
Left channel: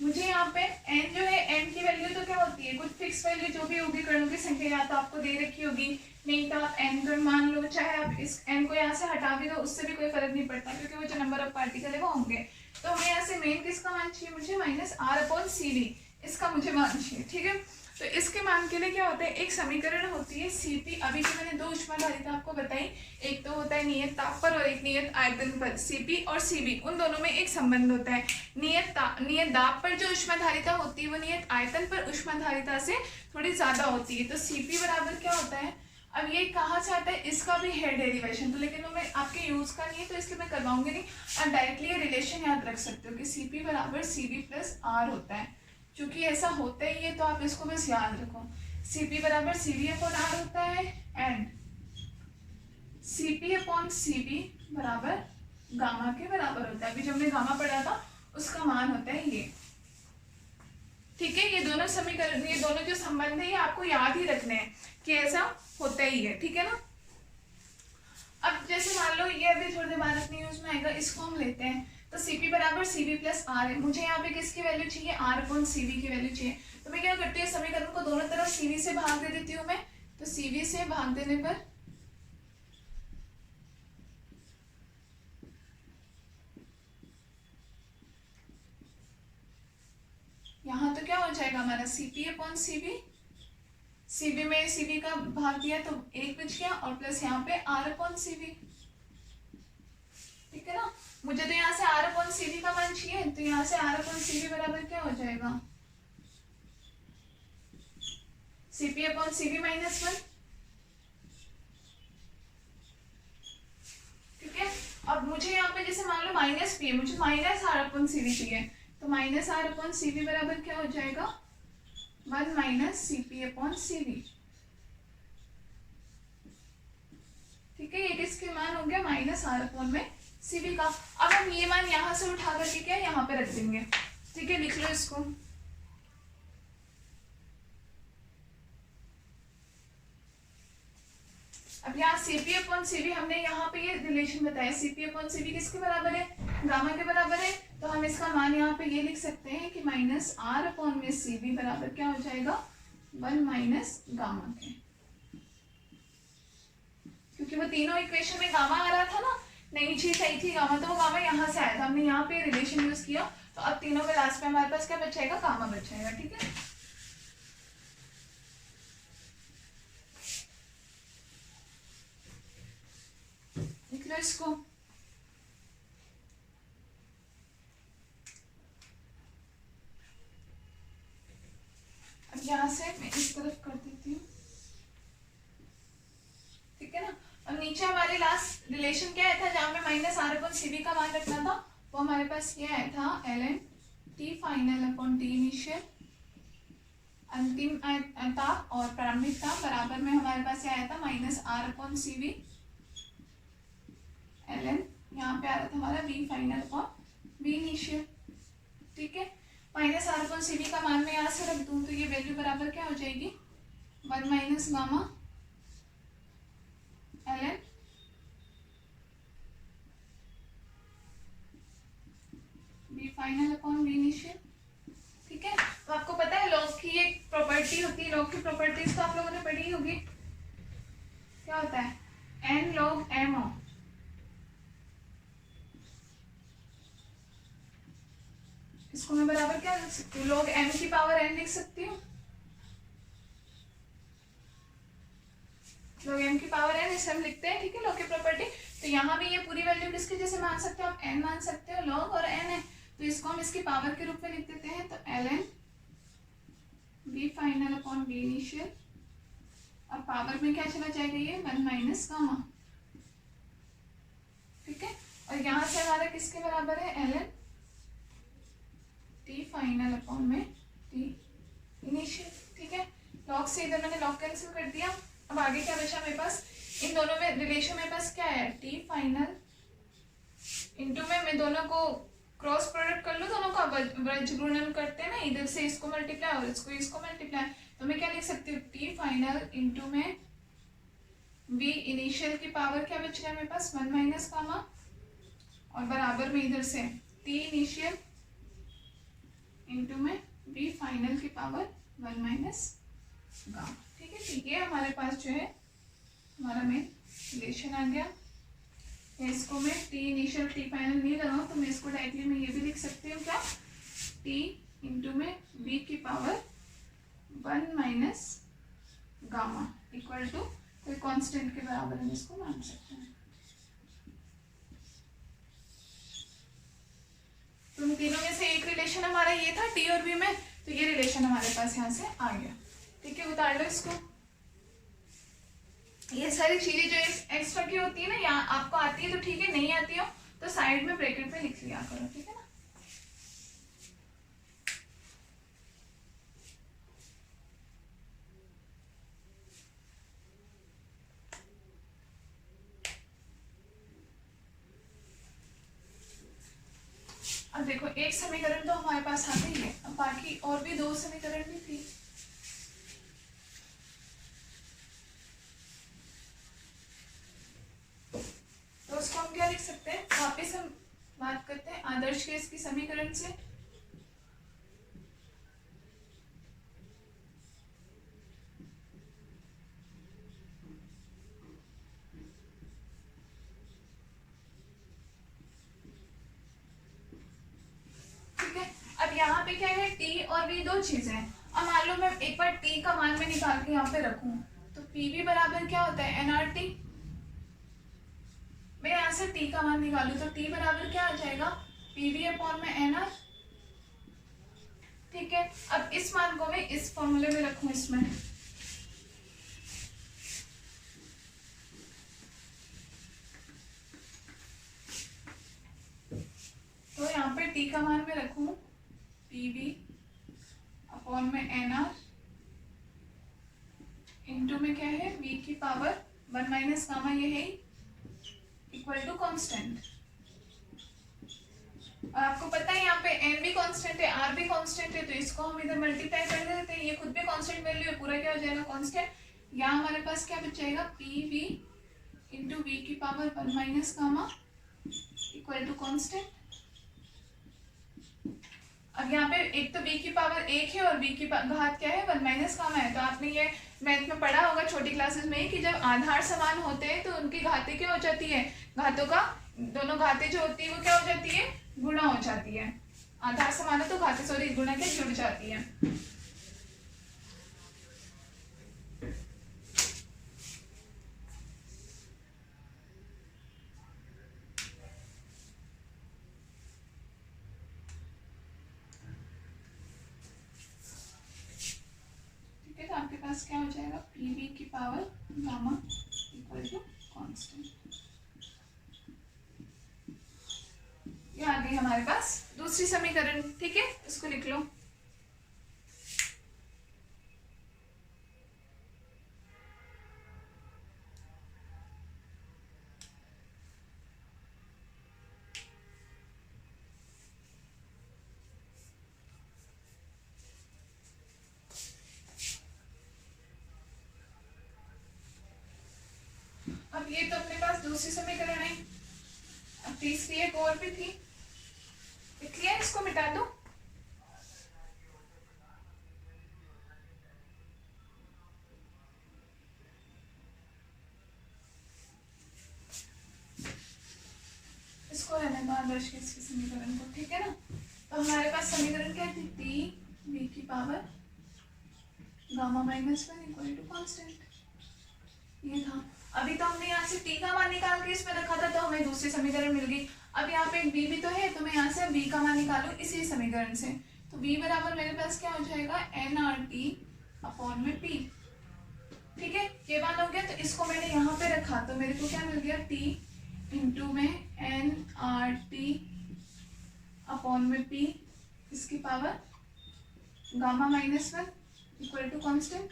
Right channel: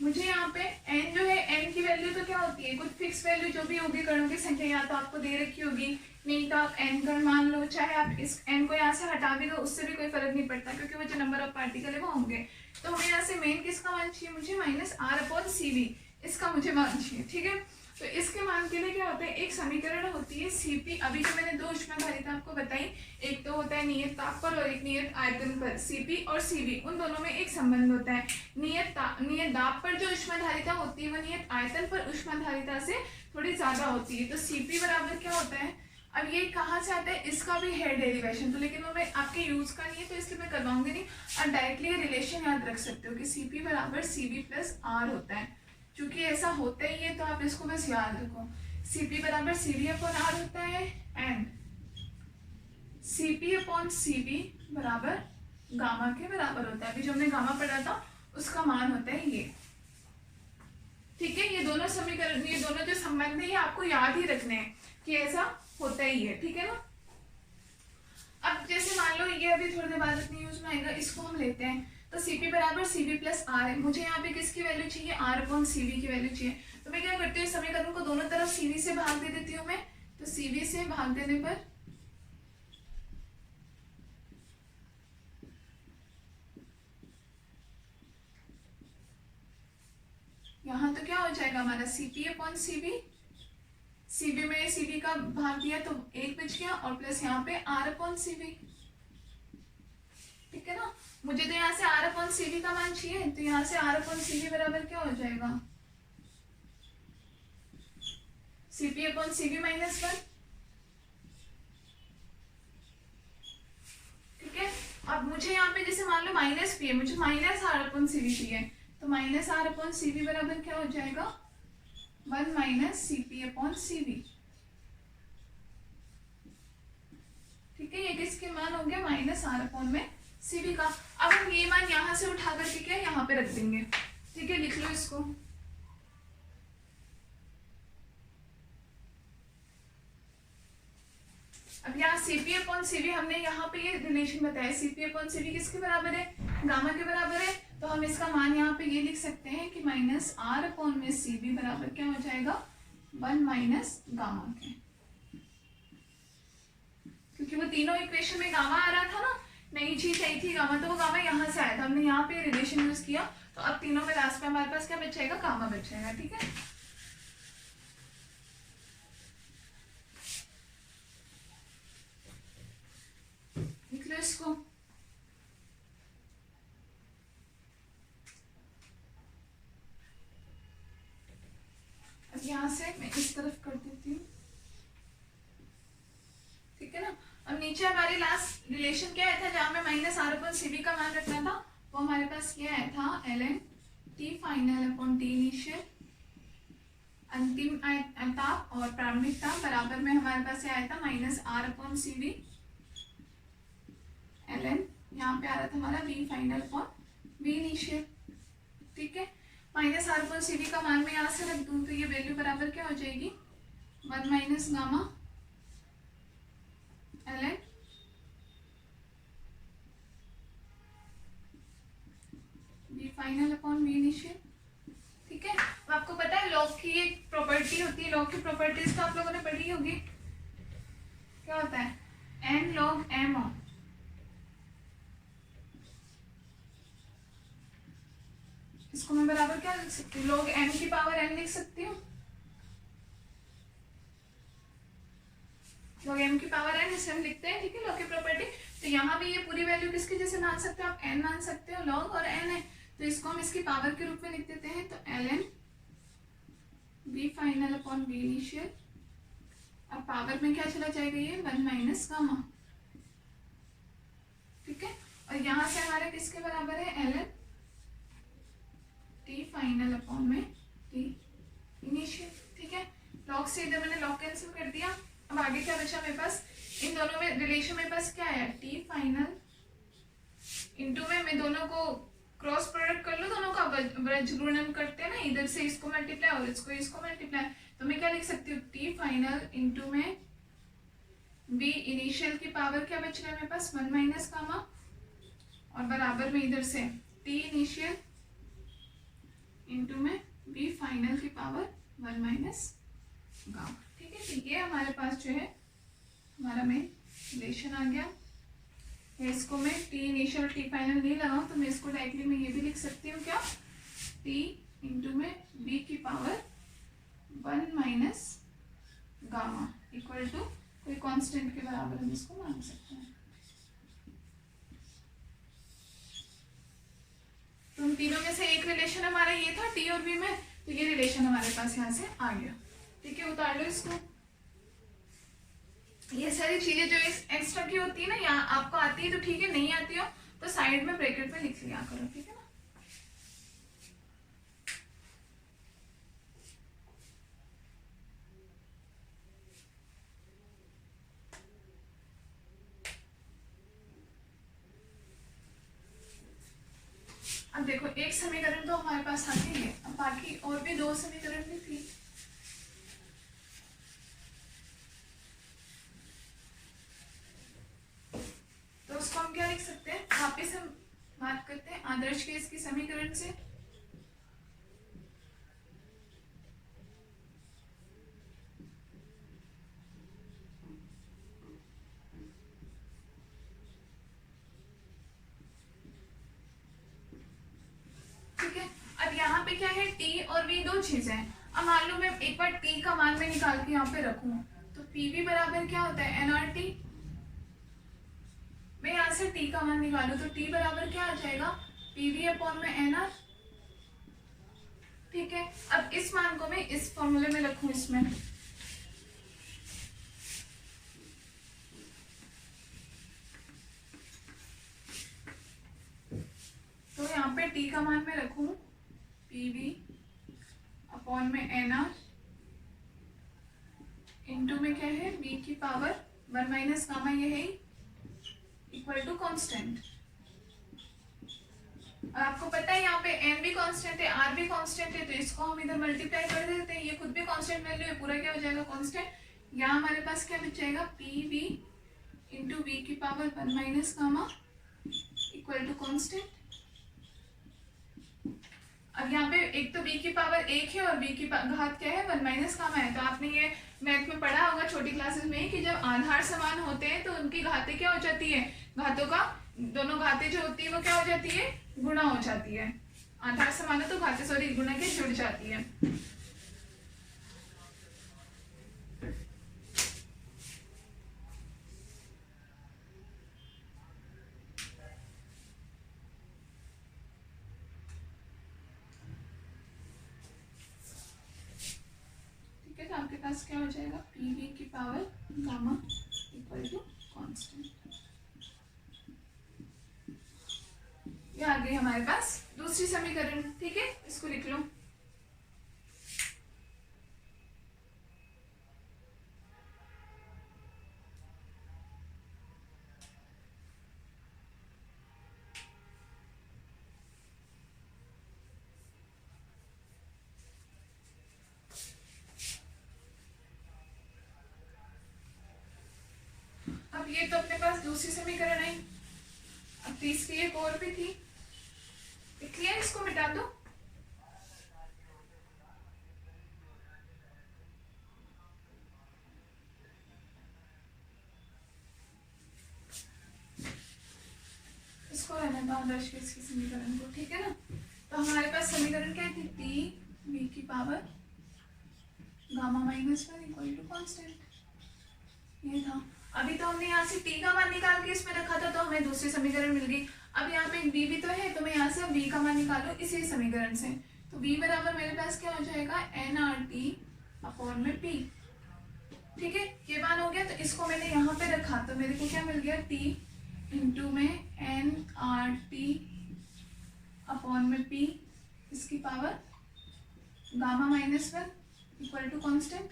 मुझे यहाँ पे n जो है, n की वैल्यू तो क्या होती है, कुछ फिक्स वैल्यू जो भी होगी कणों की संख्या या तो आपको दे रखी होगी, नहीं तो आप n कण मान लो, चाहे आप इस n को यहाँ से हटा भी दो, उससे भी कोई फर्क नहीं पड़ता, क्योंकि वो जो नंबर ऑफ पार्टिकल है वो होंगे। तो हमें यहाँ से मेन किसका मान चाहिए, मुझे minus R upon C V, इसका मुझे मान चाहिए। ठीक है, तो इसके मान के लिए क्या होता है, एक समीकरण होती है सीपी, अभी जो मैंने दो ऊष्माधारिता आपको बताई, एक तो होता है नियत ताप पर और एक नियत आयतन पर, सीपी और सीबी, उन दोनों में एक संबंध होता है। नियत दाब पर जो ऊष्माधारिता होती है वो नियत आयतन पर ऊष्माधारिता से थोड़ी ज्यादा होती है। तो सीपी बराबर क्या होता है, अब ये कहाँ से आता है, इसका भी है डेरिवेशन, तो लेकिन वो मैं आपके यूज का नहीं है तो इसलिए मैं करवाऊंगी नहीं, और डायरेक्टली ये रिलेशन याद रख सकते हो कि सीपी बराबर सीबी प्लस आर होता है। चूंकि ऐसा होता ही है तो आप इसको बस याद रखो, सीपी बराबर सीबी अपॉन आर होता है, एंड सीपी अपॉन सीबी बराबर गामा के बराबर होता है। अभी जो हमने गामा पढ़ा था उसका मान होता है ये। ठीक है, ये दोनों समीकरण, ये दोनों जो संबंध है ये आपको याद ही रखने हैं कि ऐसा होता ही है। ठीक है ना, अब जैसे मान लो ये अभी थोड़ी देर बाद अपने यूज में आएगा, इसको हम लेते हैं, तो Cp बराबर Cv प्लस आर है, मुझे यहाँ पे किसकी वैल्यू चाहिए, आर अपॉन Cv की वैल्यू चाहिए। तो मैं क्या करती हूँ, समीकरण को दोनों तरफ Cv से भाग दे देती हूँ मैं, तो Cv से भाग देने पर यहाँ तो क्या हो जाएगा हमारा Cp अपॉन Cv, Cv में Cv का भाग दिया तो एक बच गया, और प्लस यहाँ पे आर अपॉन Cv। ठीक है ना, मुझे तो यहाँ से आर अपॉन सीवी का मान चाहिए, तो यहाँ से आर अपॉन सीवी बराबर क्या हो जाएगा, CP upon CV minus one. ठीक है, अब मुझे यहाँ पे जैसे मान लो माइनस पी है, मुझे माइनस आर अपॉन सीवी चाहिए, तो माइनस आर अपॉन सीवी बराबर क्या हो जाएगा, one minus CP upon CV. ठीक है, ये किसके मान हो गया, माइनस आर अपॉन में सीवी का। अब हम ये मान यहाँ से उठा करके क्या यहाँ पे रख देंगे। ठीक है, लिख लो इसको, अब यहाँ Cp अपॉन Cv हमने यहाँ पे ये रिलेशन बताया, Cp अपॉन Cv किसके बराबर है, गामा के बराबर है, तो हम इसका मान यहाँ पे ये लिख सकते हैं कि माइनस आर अपॉन में Cv बराबर क्या हो जाएगा, वन माइनस गामा के, क्योंकि वो तीनों इक्वेशन में गामा आ रहा था ना, नई चीज आई थी गामा, तो वो गामा यहाँ से आया था, हमने यहाँ पे रिलेशन यूज किया, तो अब तीनों में लास्ट में हमारे पास क्या बचेगा, गामा बचेगा। ठीक है, लिख लो इसको, अब यहाँ से मैं इस तरफ कर देती हूँ। ठीक है ना, अब नीचे हमारी लास्ट रिलेशन क्या आया था, जहां में माइनस आर अपॉन सीवी का मान रखना था, वो हमारे पास ये आया था ln T final upon T initial, अंतिम ताप और प्रारंभिक ताप बराबर में हमारे पास ये आया था minus R upon CV, ln यहाँ पे आ रहा था हमारा V final upon V initial. ठीक है, माइनस आर अपॉन सीवी का मान मैं यहाँ से रख दूं, तो ये वैल्यू बराबर क्या हो जाएगी, one minus gamma ln V final upon V initial. ठीक है, तो आपको पता है लॉग की एक प्रॉपर्टी होती है, लॉग की प्रॉपर्टीज तो आप लोगों ने पढ़ी होगी, क्या होता है एन लॉग एम, इसको मैं बराबर क्या लिख सकती हूँ, लॉग एम की पावर एन लिख सकती हूँ, लॉग एम की पावर एन इसे हम लिखते हैं। ठीक है, लॉग की प्रॉपर्टी, तो यहाँ भी ये पूरी वैल्यू किसकी जैसे मान सकते हो आप, एन मान सकते हो, लॉग और एन है, तो इसको हम इसकी पावर के रूप में लिख देते हैं, तो ln V final upon V initial, और पावर में क्या चला जाएगा, ये वन माइनस गामा। ठीक है, और यहाँ से हमारा किसके बराबर है, L N T final upon में टी इनिशियल। ठीक है, लॉग से इधर मैंने लॉग कैंसिल कर दिया। अब आगे क्या बचा मेरे पास, इन दोनों में रिलेशन मेरे पास क्या है, टी फाइनल इंटू में मैं दोनों को क्रॉस प्रोडक्ट कर लो, दोनों का वज्र गुणन करते हैं ना, इधर से इसको मल्टीप्लाई और इसको मल्टीप्लाई, तो मैं क्या लिख सकती हूँ, टी फाइनल इंटू में वी इनिशियल की पावर क्या बच गया मेरे पास, 1 माइनस गामा, और बराबर में इधर से टी इनिशियल इंटू में वी फाइनल की पावर 1 माइनस गामा। ठीक है, ठीक है, हमारे पास जो है हमारा मेन रिलेशन आ गया। इसको मैं टी इनिशियल टी फाइनल नहीं लगाऊं तो मैं इसको डायरेक्टली मैं ये भी लिख सकती हूँ क्या, टी इंटू में बी की power 1 minus gamma equal to कोई कांस्टेंट के बराबर हम इसको मान सकते हैं। तो इन तीनों में से एक रिलेशन हमारा ये था टी और बी में, तो ये रिलेशन हमारे पास यहाँ से आ गया। ठीक है, उतार लो इसको। ये सारी चीजें जो एक्स्ट्रा की होती है ना, यहाँ आपको आती है तो ठीक है, नहीं आती हो तो साइड में ब्रैकेट में लिख लिया करो। ठीक है ना, अब देखो एक समीकरण तो हमारे पास आ गई है, अब बाकी और भी 2 समीकरण भी थी। तो उसको हम क्या लिख सकते हैं, वापिस हम बात करते हैं आदर्श केस की समीकरण से। ठीक है, अब यहाँ पे क्या है, टी और वी दो चीजें हैं। अब मान लो मैं एक बार टी का मान में निकाल के यहाँ पे रखूं, तो पीवी बराबर क्या होता है, एनआरटी। मैं यहाँ से टी का मान निकालू तो टी बराबर क्या आ जाएगा, पीवी अपॉन में एनआर। ठीक है, अब इस मान को मैं इस फॉर्मूले में रखूं इसमें, तो यहाँ पे टी का मान में रखूं पीवी अपॉन में एनआर इंटू में क्या है, वी की पावर 1 माइनस गामा, ये है इक्वल टू कांस्टेंट। और आपको पता है यहाँ पे एन भी कांस्टेंट है, आर भी कांस्टेंट है, तो इसको हम इधर मल्टीप्लाई कर देते हैं, ये खुद भी कांस्टेंट वैल्यू है, पूरा क्या हो जाएगा कांस्टेंट। यहाँ हमारे पास क्या बच जाएगा, पी वी इंटू वी की power 1 minus gamma equal to constant. अब यहाँ पे एक तो v की पावर 1 है और v की घात क्या है, 1 माइनस गामा है। तो आपने ये मैथ में पढ़ा होगा छोटी क्लासेस में कि जब आधार समान होते हैं तो उनकी घातें क्या हो जाती है, घातों का दोनों घातें जो होती है वो क्या हो जाती है, गुणा हो जाती है। आधार समान हो तो घातें सॉरी गुणा के जुड़ जाती है। आपके पास क्या हो जाएगा, पीवी की power gamma equal to constant. ये आ गई हमारे पास दूसरी समीकरण। ठीक है, इसको लिख लो। अब ये तो अपने पास दूसरी समीकरण आई, अब तीसरी एक और भी थी, लिख लिया, इसको मिटा दो। इसको रहने दो आदर्श केस की समीकरण को। ठीक है ना, तो हमारे पास समीकरण क्या थी, टी वी की power gamma minus 1 equal to constant, ये था। अभी तो हमने यहाँ से टी का मान निकाल के इसमें रखा था, तो हमें दूसरी समीकरण मिल गई। अब यहाँ पे एक बी भी तो है, तो मैं यहाँ से बी का मान निकालू इसी समीकरण से, तो बी बराबर मेरे पास क्या हो जाएगा, एन आर टी अपॉन में पी। ठीक है, ये मान हो गया, तो इसको मैंने यहाँ पे रखा तो मेरे को क्या मिल गया, टी इंटू में NRT अपॉन में P इसकी power gamma -1 equal to constant.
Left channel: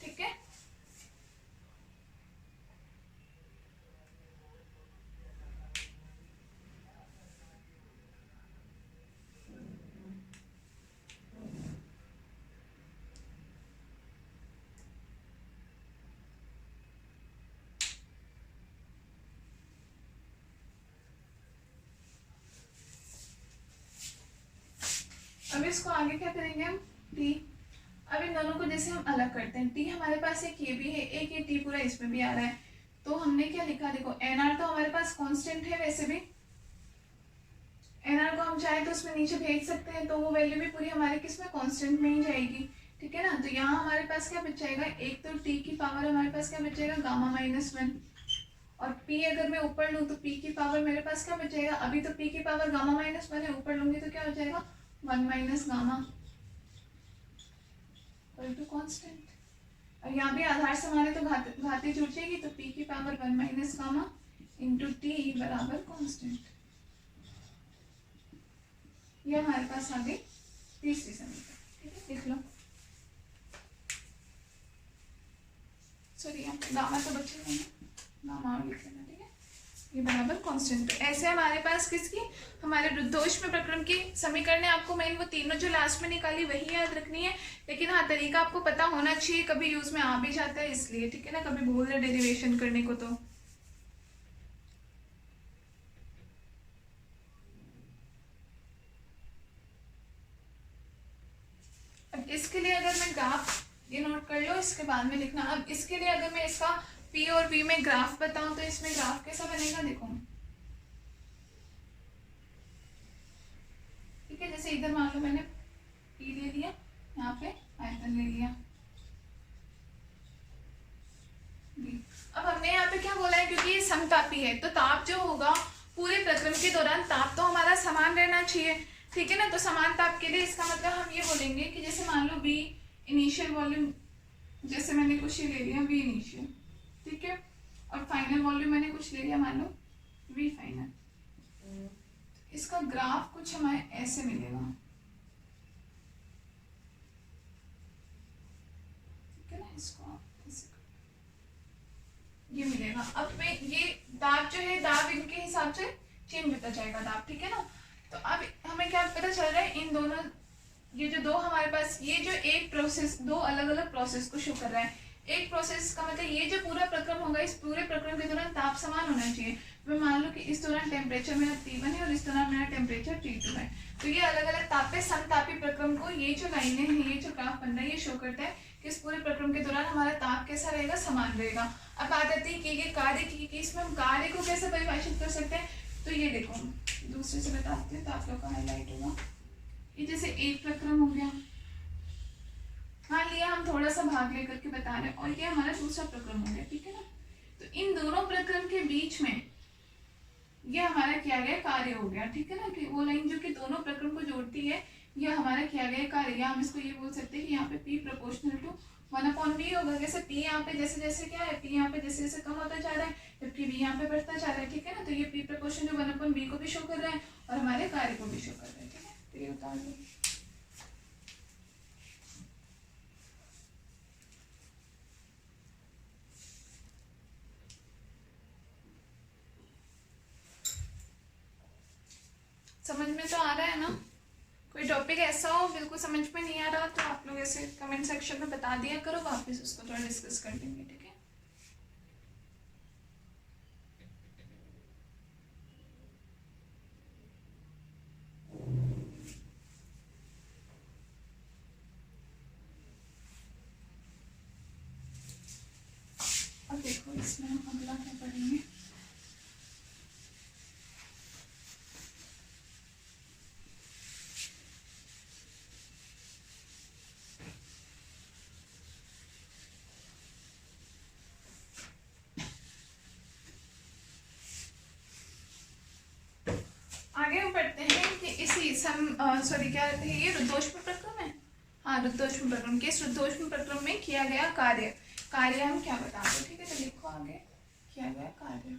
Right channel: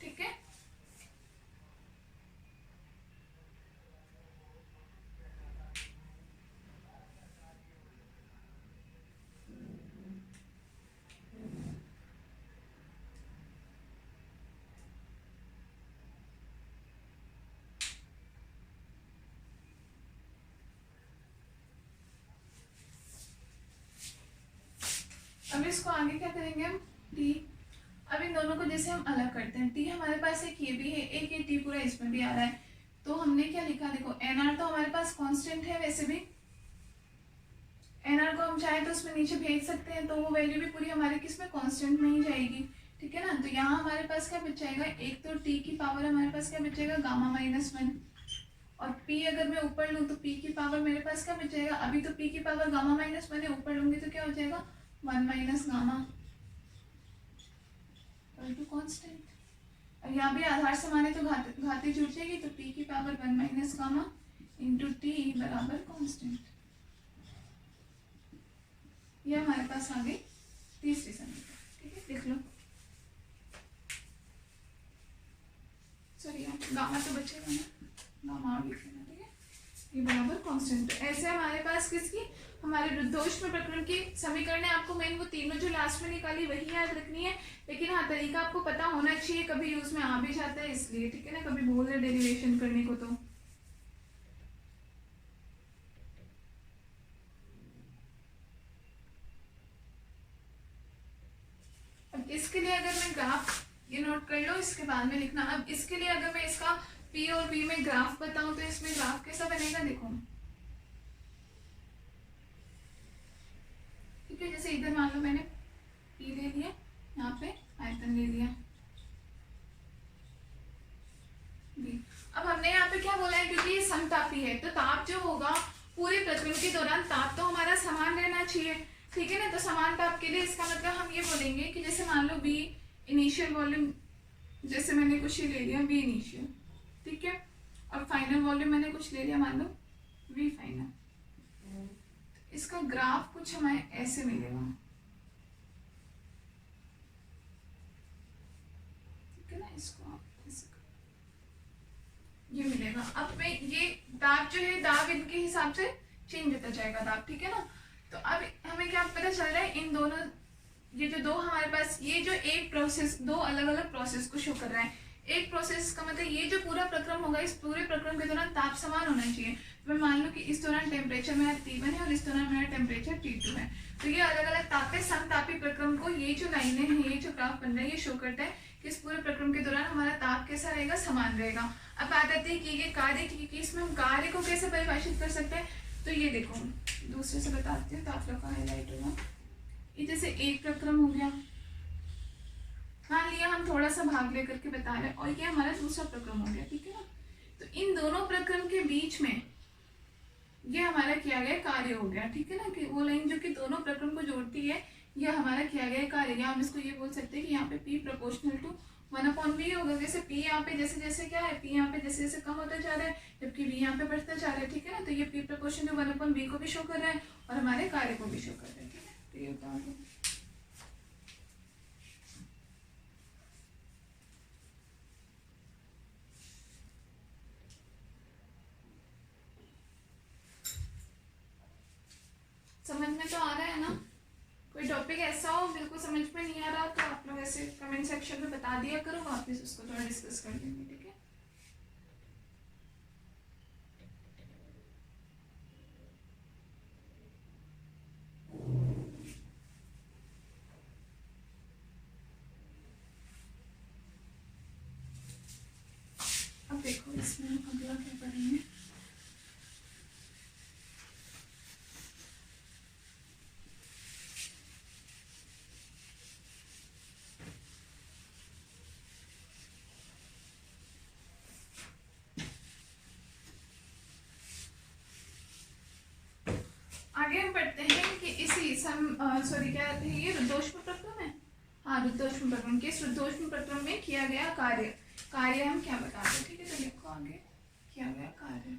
ठीक है, अब इसको आगे क्या करेंगे हम T। अब इन दोनों को जैसे हम अलग करते हैं, T हमारे पास एक ये भी है, एक ये T पूरा इसमें भी आ रहा है, तो हमने क्या लिखा, देखो NR तो हमारे पास कांस्टेंट है, वैसे भी NR को हम चाहे तो उसमें नीचे भेज सकते हैं, तो वो वैल्यू भी पूरी हमारे किस में कांस्टेंट में ही जाएगी। ठीक है ना, तो यहाँ हमारे पास क्या बच जाएगा, एक तो T की पावर हमारे पास क्या बच जाएगा गामा -1, और P अगर मैं ऊपर लूँ तो P की पावर मेरे पास क्या बच जाएगा, अभी तो P की पावर गामा -1 है, ऊपर लूंगी तो क्या हो जाएगा 1 - गामा इक्वल टू कांस्टेंट। और यहाँ भी आधार समान है तो घाती जुड़ जाएगी, तो P की पावर 1 - गामा इंटू T बराबर कांस्टेंट। ये हमारे पास आ गई तीसरी समीकरण। ठीक है, देख लो, सॉरी यहाँ गामा तो बचेगा ना, गामा और लिख लेना। ठीक है, ये बराबर कांस्टेंट। तो ऐसे हमारे पास किसकी, हमारे रुद्धोष्म प्रक्रम की समीकरण। आपको मैंने वो तीनों जो लास्ट में निकाली वही याद रखनी है, लेकिन हाँ तरीका आपको पता होना चाहिए, कभी यूज में आ भी जाता है इसलिए। ठीक है ना, कभी भूल जाए डेरिवेशन करने को तो। अब इसके लिए अगर मैं ग्राफ, ये नोट कर लो, इसके बाद में लिखना। अब इसके लिए अगर मैं इसका P और V में ग्राफ बताऊं तो इसमें ग्राफ कैसा बनेगा, देखो। ठीक है, जैसे इधर मान लो मैंने P ले लिया, यहाँ पे आयतन ले लिया B। अब हमने यहाँ पे क्या बोला है, क्योंकि ये समतापी है तो ताप जो होगा पूरे प्रक्रम के दौरान ताप तो हमारा समान रहना चाहिए। ठीक है ना, तो समान ताप के लिए इसका मतलब हम ये बोलेंगे कि जैसे मान लो V इनिशियल वॉल्यूम, जैसे मैंने कुछ ये ले लिया V इनिशियल, ठीक है, और फाइनल वॉल्यूम मैंने कुछ ले लिया, मान लो V फाइनल। इसका ग्राफ कुछ हमें ऐसे मिलेगा। ठीक है ना, इसको ऐसे ये मिलेगा। अब मैं ये दाब जो है, दाब इनके हिसाब से चेंज होता जाएगा दाब। ठीक है ना, तो अब हमें क्या पता चल रहा है, इन दोनों, ये जो दो हमारे पास, ये जो एक प्रोसेस, दो अलग अलग प्रोसेस को शो कर रहा है। एक प्रोसेस का मतलब ये जो पूरा प्रक्रम होगा, इस पूरे प्रक्रम के दौरान ताप समान होना चाहिए। मैं मान लो कि इस दौरान टेम्परेचर मेरा T1 है और इस दौरान मेरा टेम्परेचर T2 है, तो ये अलग अलग ताप पे समतापी प्रक्रम को, ये जो लाइनें हैं, ये जो ग्राफ बन रहा है, ये शो करता है कि इस पूरे प्रक्रम के दौरान हमारा ताप कैसा रहेगा, समान रहेगा। अब बात आती है कि ये कार्य की इसमें हम कार्य को कैसे परिभाषित कर सकते हैं, तो ये देखो दूसरे से बताती हूँ तो आप लोग का हाईलाइट होगा। ये जैसे एक प्रक्रम हो गया, मान लिया हम थोड़ा सा भाग लेकर के बता रहे हैं, और ये हमारा दूसरा प्रक्रम हो गया। ठीक है ना, तो इन दोनों प्रक्रम के बीच में ये हमारा किया गया कार्य हो गया। ठीक है ना, कि वो लाइन जो कि दोनों प्रक्रम को जोड़ती है, ये हमारा किया गया कार्य। या हम इसको ये बोल सकते हैं कि यहाँ पे P प्रोपोर्शनल टू 1/V होगा। जैसे P यहाँ पे जैसे जैसे क्या है, P यहाँ पे जैसे जैसे कम होता जा रहा है, जबकि V यहाँ पे बढ़ता जा रहा है। ठीक है ना, तो ये P प्रोपोर्शनल टू 1/V को भी शो कर रहा है और हमारे कार्य को भी शो कर रहा है। ठीक है, तो ये बता दें। समझ में तो आ रहा है ना? कोई टॉपिक ऐसा हो बिल्कुल समझ में नहीं आ रहा तो आप लोग ऐसे कमेंट सेक्शन में बता दिया करो, वापस उसको थोड़ा डिस्कस कर लेंगे। ठीक है, अब देखो इसमें हम अगला क्या पढ़ेंगे। आगे हम पढ़ते हैं कि इसी सॉरी क्या रहते हैं, ये रुद्धोष्म प्रक्रम है। हाँ, रुद्धोष्म प्रक्रम के, इस रुद्धोष्म प्रक्रम में किया गया कार्य। कार्य हम क्या बताएंगे, ठीक है। तो लिखो आगे किया गया कार्य।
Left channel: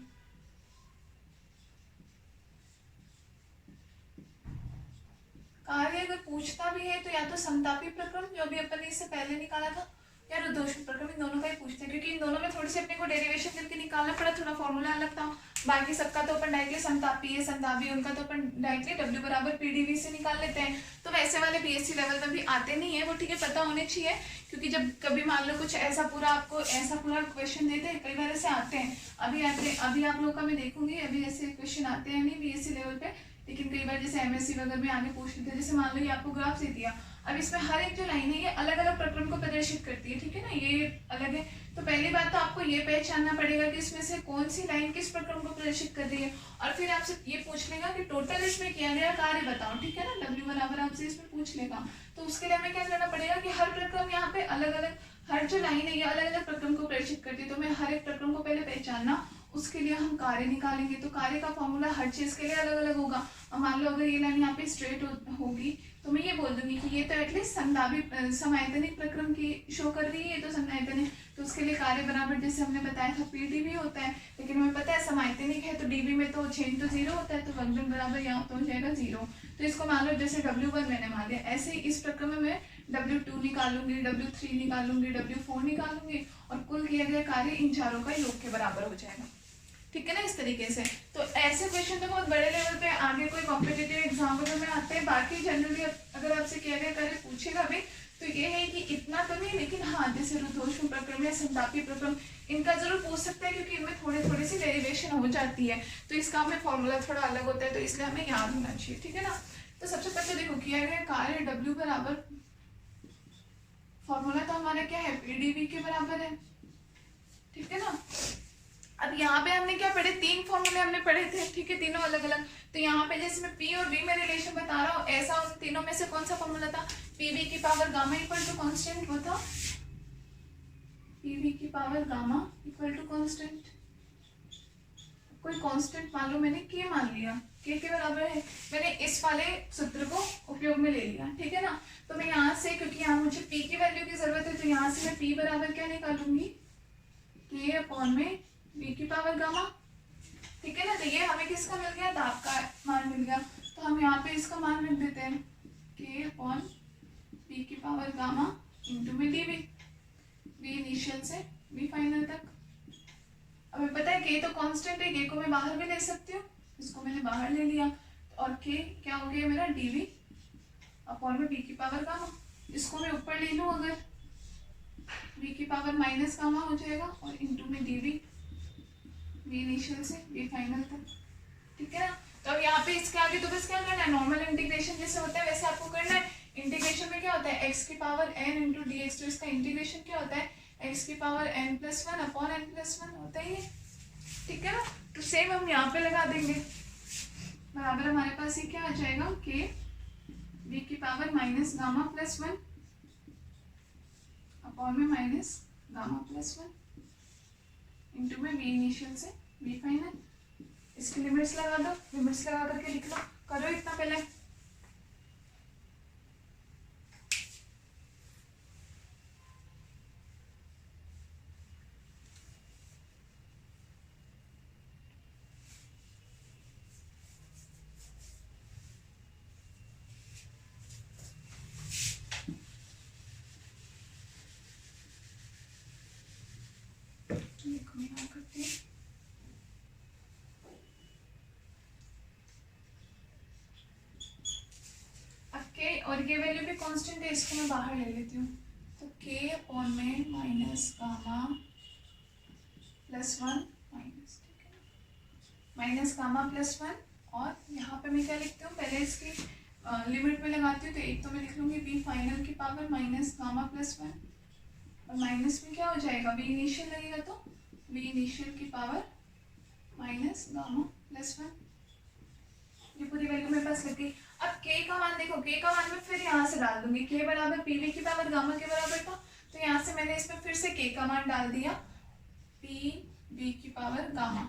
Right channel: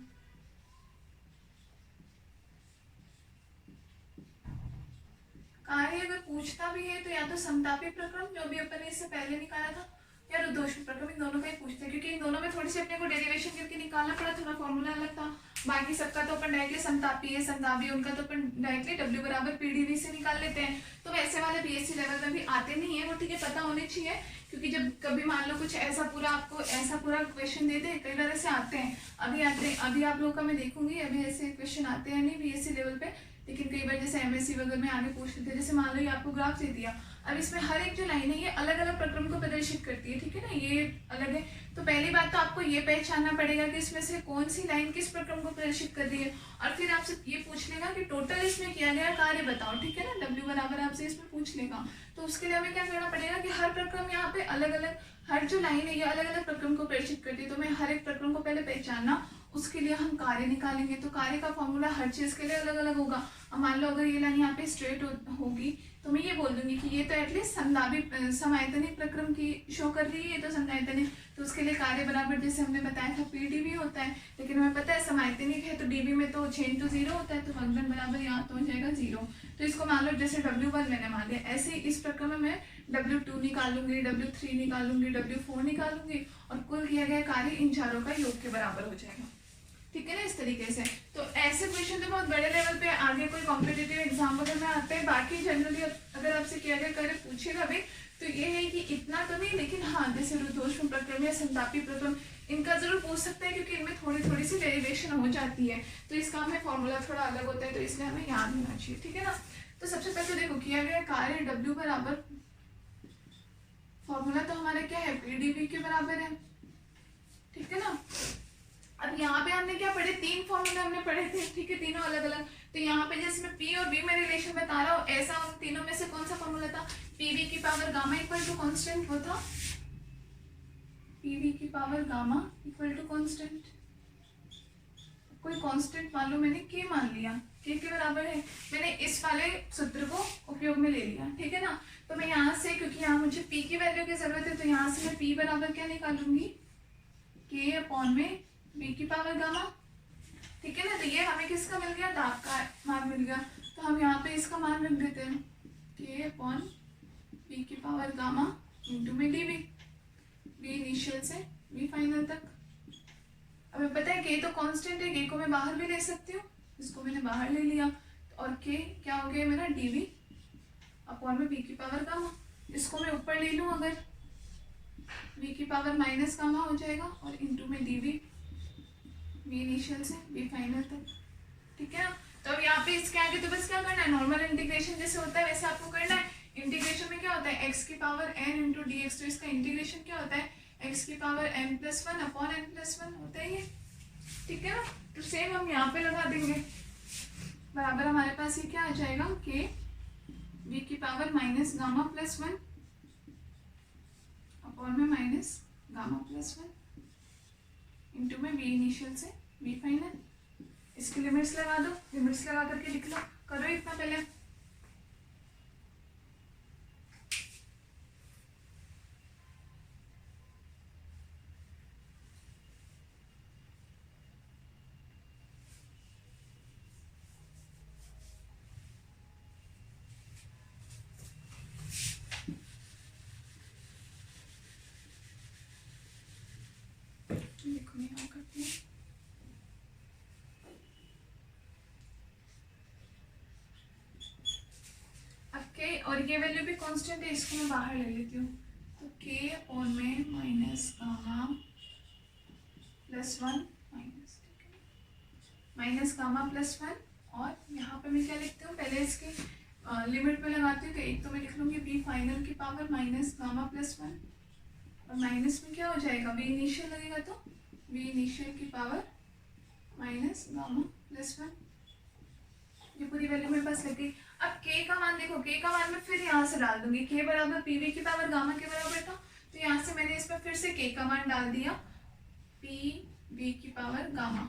कार्य अगर पूछता भी है तो या तो समतापी प्रक्रम जो भी अपन ने इससे पहले निकाला था, या रुद्धोष्म प्रक्रम, इन दोनों का ही पूछता है, क्योंकि इन दोनों में थोड़ी सी अपने को डेरिवेशन करके निकालना पड़ा, थोड़ा फॉर्मूला अलग था। बाकी सबका तो अपन डायरेक्टली समतापी है, समतापी उनका तो अपन डायरेक्टली W बराबर PdV से निकाल लेते हैं। तो वैसे वाले BSc लेवल में भी आते नहीं है वो, ठीक है, पता होने चाहिए, क्योंकि जब कभी मान लो कुछ ऐसा पूरा आपको ऐसा पूरा क्वेश्चन दे दे, कई बार ऐसे आते हैं। अभी आप लोगों का मैं देखूंगी अभी ऐसे क्वेश्चन आते हैं नहीं BSc लेवल पे, लेकिन कई बार जैसे MSc वगैरह में आगे पूछ लेते हैं। जैसे मान लो ये आपको ग्राफ दे दिया, अब इसमें हर एक जो लाइन है ये अलग अलग प्रक्रम को प्रदर्शित करती है, ठीक है ना, ये अलग है। तो पहली बात तो आपको ये पहचानना पड़ेगा कि इसमें से कौन सी लाइन किस प्रक्रम को प्रदर्शित कर रही है, और फिर आपसे ये पूछ लेगा कि टोटल इसमें किया गया कार्य बताओ, ठीक है ना, W बराबर आपसे इसमें पूछ लेगा। तो उसके लिए हमें क्या करना पड़ेगा कि हर प्रक्रम यहाँ पे अलग अलग, हर जो लाइन है ये अलग अलग प्रक्रम को प्रदर्शित करती है, तो मैं हर एक प्रक्रम को पहले पहचानना, उसके लिए हम कार्य निकालेंगे। तो कार्य का फॉर्मूला हर चीज के लिए अलग अलग होगा। अब मान लो अगर ये लाइन यहाँ पे स्ट्रेट होगी तो मैं ये बोल दूंगी कि ये तो एटलीस्ट समदाबी समायतनिक प्रक्रम की शो कर रही है, तो समयायतनिक, तो उसके लिए कार्य बराबर जैसे हमने बताया था PdV होता है, लेकिन हमें पता है समायतनिक है तो dV में तो चेंज तो 0 होता है, तो वंगन बराबर यहाँ तो हो जाएगा 0। तो इसको मान लो जैसे W1 मैंने मान लिया, ऐसे ही इस प्रक्रम में मैं W2 निकालूंगी, W3 निकालूंगी, W4 निकालूंगी, और कुल किया गया कार्य इन चारों का योग के बराबर हो जाएगा, ठीक है ना, इस तरीके से। तो ऐसे क्वेश्चन तो बहुत बड़े लेवल पे आगे कोई कॉम्पिटिटिव एग्जाम वगैरह में आते हैं। बाकी जनरली अगर आपसे किया गया कार्य पूछेगा भी तो ये है कि इतना तो नहीं, लेकिन हाँ जैसे रुद्धोष्म प्रक्रम या समतापी प्रक्रम इनका जरूर पूछ सकते हैं, क्योंकि इनमें थोड़ी सी डेरिवेशन हो जाती है, तो इसका हमें फॉर्मूला थोड़ा अलग होता है, तो इसलिए हमें याद होना चाहिए, ठीक है ना। तो सबसे पहले तो देखो किया गया कार्य W बराबर, फॉर्मूला तो हमारे क्या है PdV के बराबर है, ठीक है ना। अब यहाँ पे हमने क्या पढ़े, 3 फॉर्मूले हमने पढ़े थे, ठीक है, तीनों अलग अलग। तो यहाँ पे जैसे मैं P और V में रिलेशन बता रहा हूँ, ऐसा उन तीनों में से कौन सा फॉर्मूला था, PV की power gamma equal to constant, वो था PV की power gamma equal to constant. कोई कांस्टेंट मान लो, मैंने K मान लिया, K के बराबर है, मैंने इस वाले सूत्र को उपयोग में ले लिया, ठीक है ना। तो मैं यहाँ से, क्योंकि यहाँ मुझे P की वैल्यू की जरूरत है, तो यहाँ से मैं P बराबर क्या निकालूंगी, K अपॉन में V की पावर गामा, ठीक है ना। तो ये हमें किसका मिल गया, दाब का मान मिल गया, तो हम यहाँ पे इसका मान लिख देते हैं K अपॉन V की पावर गामा इंटू में dV, V इनिशियल से V फाइनल तक। हमें पता है K तो कांस्टेंट है, K को मैं बाहर भी ले सकती हूँ, इसको मैंने बाहर ले लिया, और K क्या हो गया मेरा dV अपॉन में V की पावर गामा। इसको मैं ऊपर ले लूँ अगर, V की पावर माइनस गामा हो जाएगा, और इंटू में dV, V इनिशियल से V फाइनल तक, ठीक है ना। तो अब यहाँ पे इसके आगे तो बस क्या करना है, नॉर्मल इंटीग्रेशन जैसे होता है वैसे आपको करना है। इंटीग्रेशन में क्या होता है, x की पावर n इंटू dx, तो इसका इंटीग्रेशन क्या होता है, x की पावर n+1 अपॉन n+1 होता ही है, ठीक है ना। तो सेम हम यहाँ पे लगा देंगे, बराबर हमारे पास ये क्या आ जाएगा, k V की power minus gamma plus 1 upon में माइनस गामा प्लस 1 इंटू में V इनिशियल से V फाइनल। इसकी लिमिट्स लगा दो, लिमिट्स लगा करके लिख लो, करो इतना पहले। देखो यहाँ करते हैं, अब k और ये वैल्यू भी कांस्टेंट है, इसको मैं बाहर ले लेती हूँ, तो k अपॉन में माइनस गामा प्लस 1 माइनस, ठीक है, माइनस गामा प्लस 1, और यहाँ पे मैं क्या लिखती हूँ, पहले इसकी लिमिट में लगाती हूँ, तो एक तो मैं लिख लूँगी V फाइनल की पावर माइनस गामा प्लस 1, और माइनस में क्या हो जाएगा, V इनिशियल लगेगा, तो V इनिशियल की पावर माइनस गामा प्लस 1, ये पूरी वैल्यू मेरे पास लग गई। अब k का मान देखो, k का मान मैं फिर यहाँ से डाल दूंगी, k बराबर PV की पावर गामा के बराबर था, तो यहाँ से मैंने इसमें फिर से k का मान डाल दिया, PV की पावर गामा,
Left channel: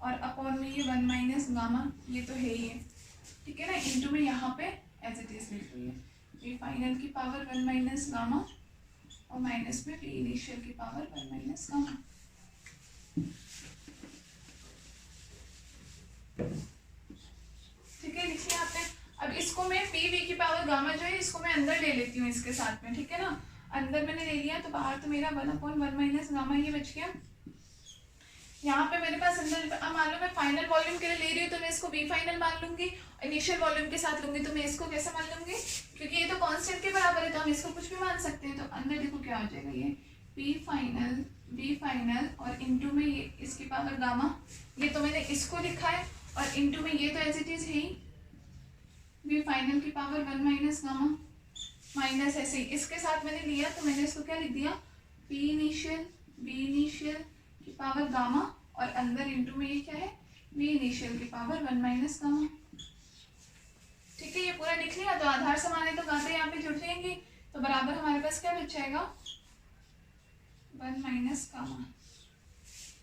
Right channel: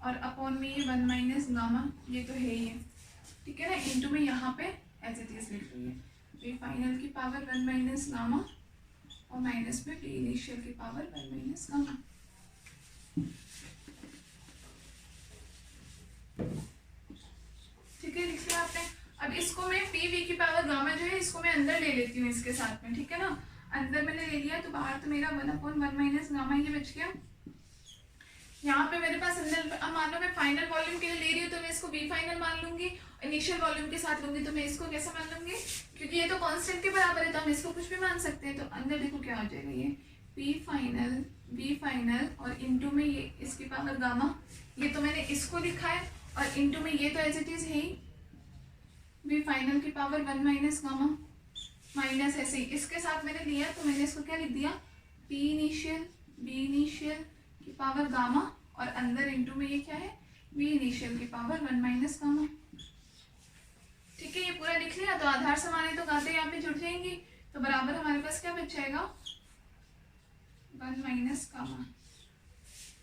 और अपॉन में ये 1 माइनस गामा, ये तो है ही है, ठीक है ना, इंटू में यहाँ पे एज इट इज लिख रही है V फाइनल की पावर 1 माइनस गामा, और माइनस में पी इनिशियल की पावर 1 माइनस गामा। ठीक है, लिख लिया आपने। अब इसको मैं पी वी की पावर गामा जो है इसको मैं अंदर ले लेती हूँ इसके साथ में, ठीक है ना। अंदर मैंने ले लिया तो बाहर तो मेरा 1/1 माइनस गामा ये बच गया। यहाँ पे मेरे पास अंदर, अब मान लो मैं फाइनल वॉल्यूम के लिए ले रही हूँ तो मैं इसको बी फाइनल मान लूंगी, इनिशियल वॉल्यूम के साथ लूंगी तो मैं इसको कैसे मान लूंगी, क्योंकि ये तो कांस्टेंट के बराबर है तो हम इसको कुछ भी मान सकते हैं। तो अंदर देखो क्या हो जाएगा, ये पी फाइनल बी फाइनल और इनटू में ये इसकी पावर गामा, ये तो मैंने इसको लिखा है, और इनटू में ये तो एज इट इज है ही बी फाइनल की पावर 1 माइनस गामा, माइनस ऐसे ही इसके साथ मैंने लिया तो मैंने इसको क्या लिख दिया, पी इनिशियल बी इनिशियल की पावर गामा, और अंदर इनटू में ये क्या है, बी इनिशियल की पावर 1 माइनस गामा। ठीक है, ये पूरा लिख लिया। तो आधार समाने तो गाते यहाँ पे जुड़ जाएंगी, तो बराबर हमारे पास क्या बच जाएगा, 1 माइनस गामा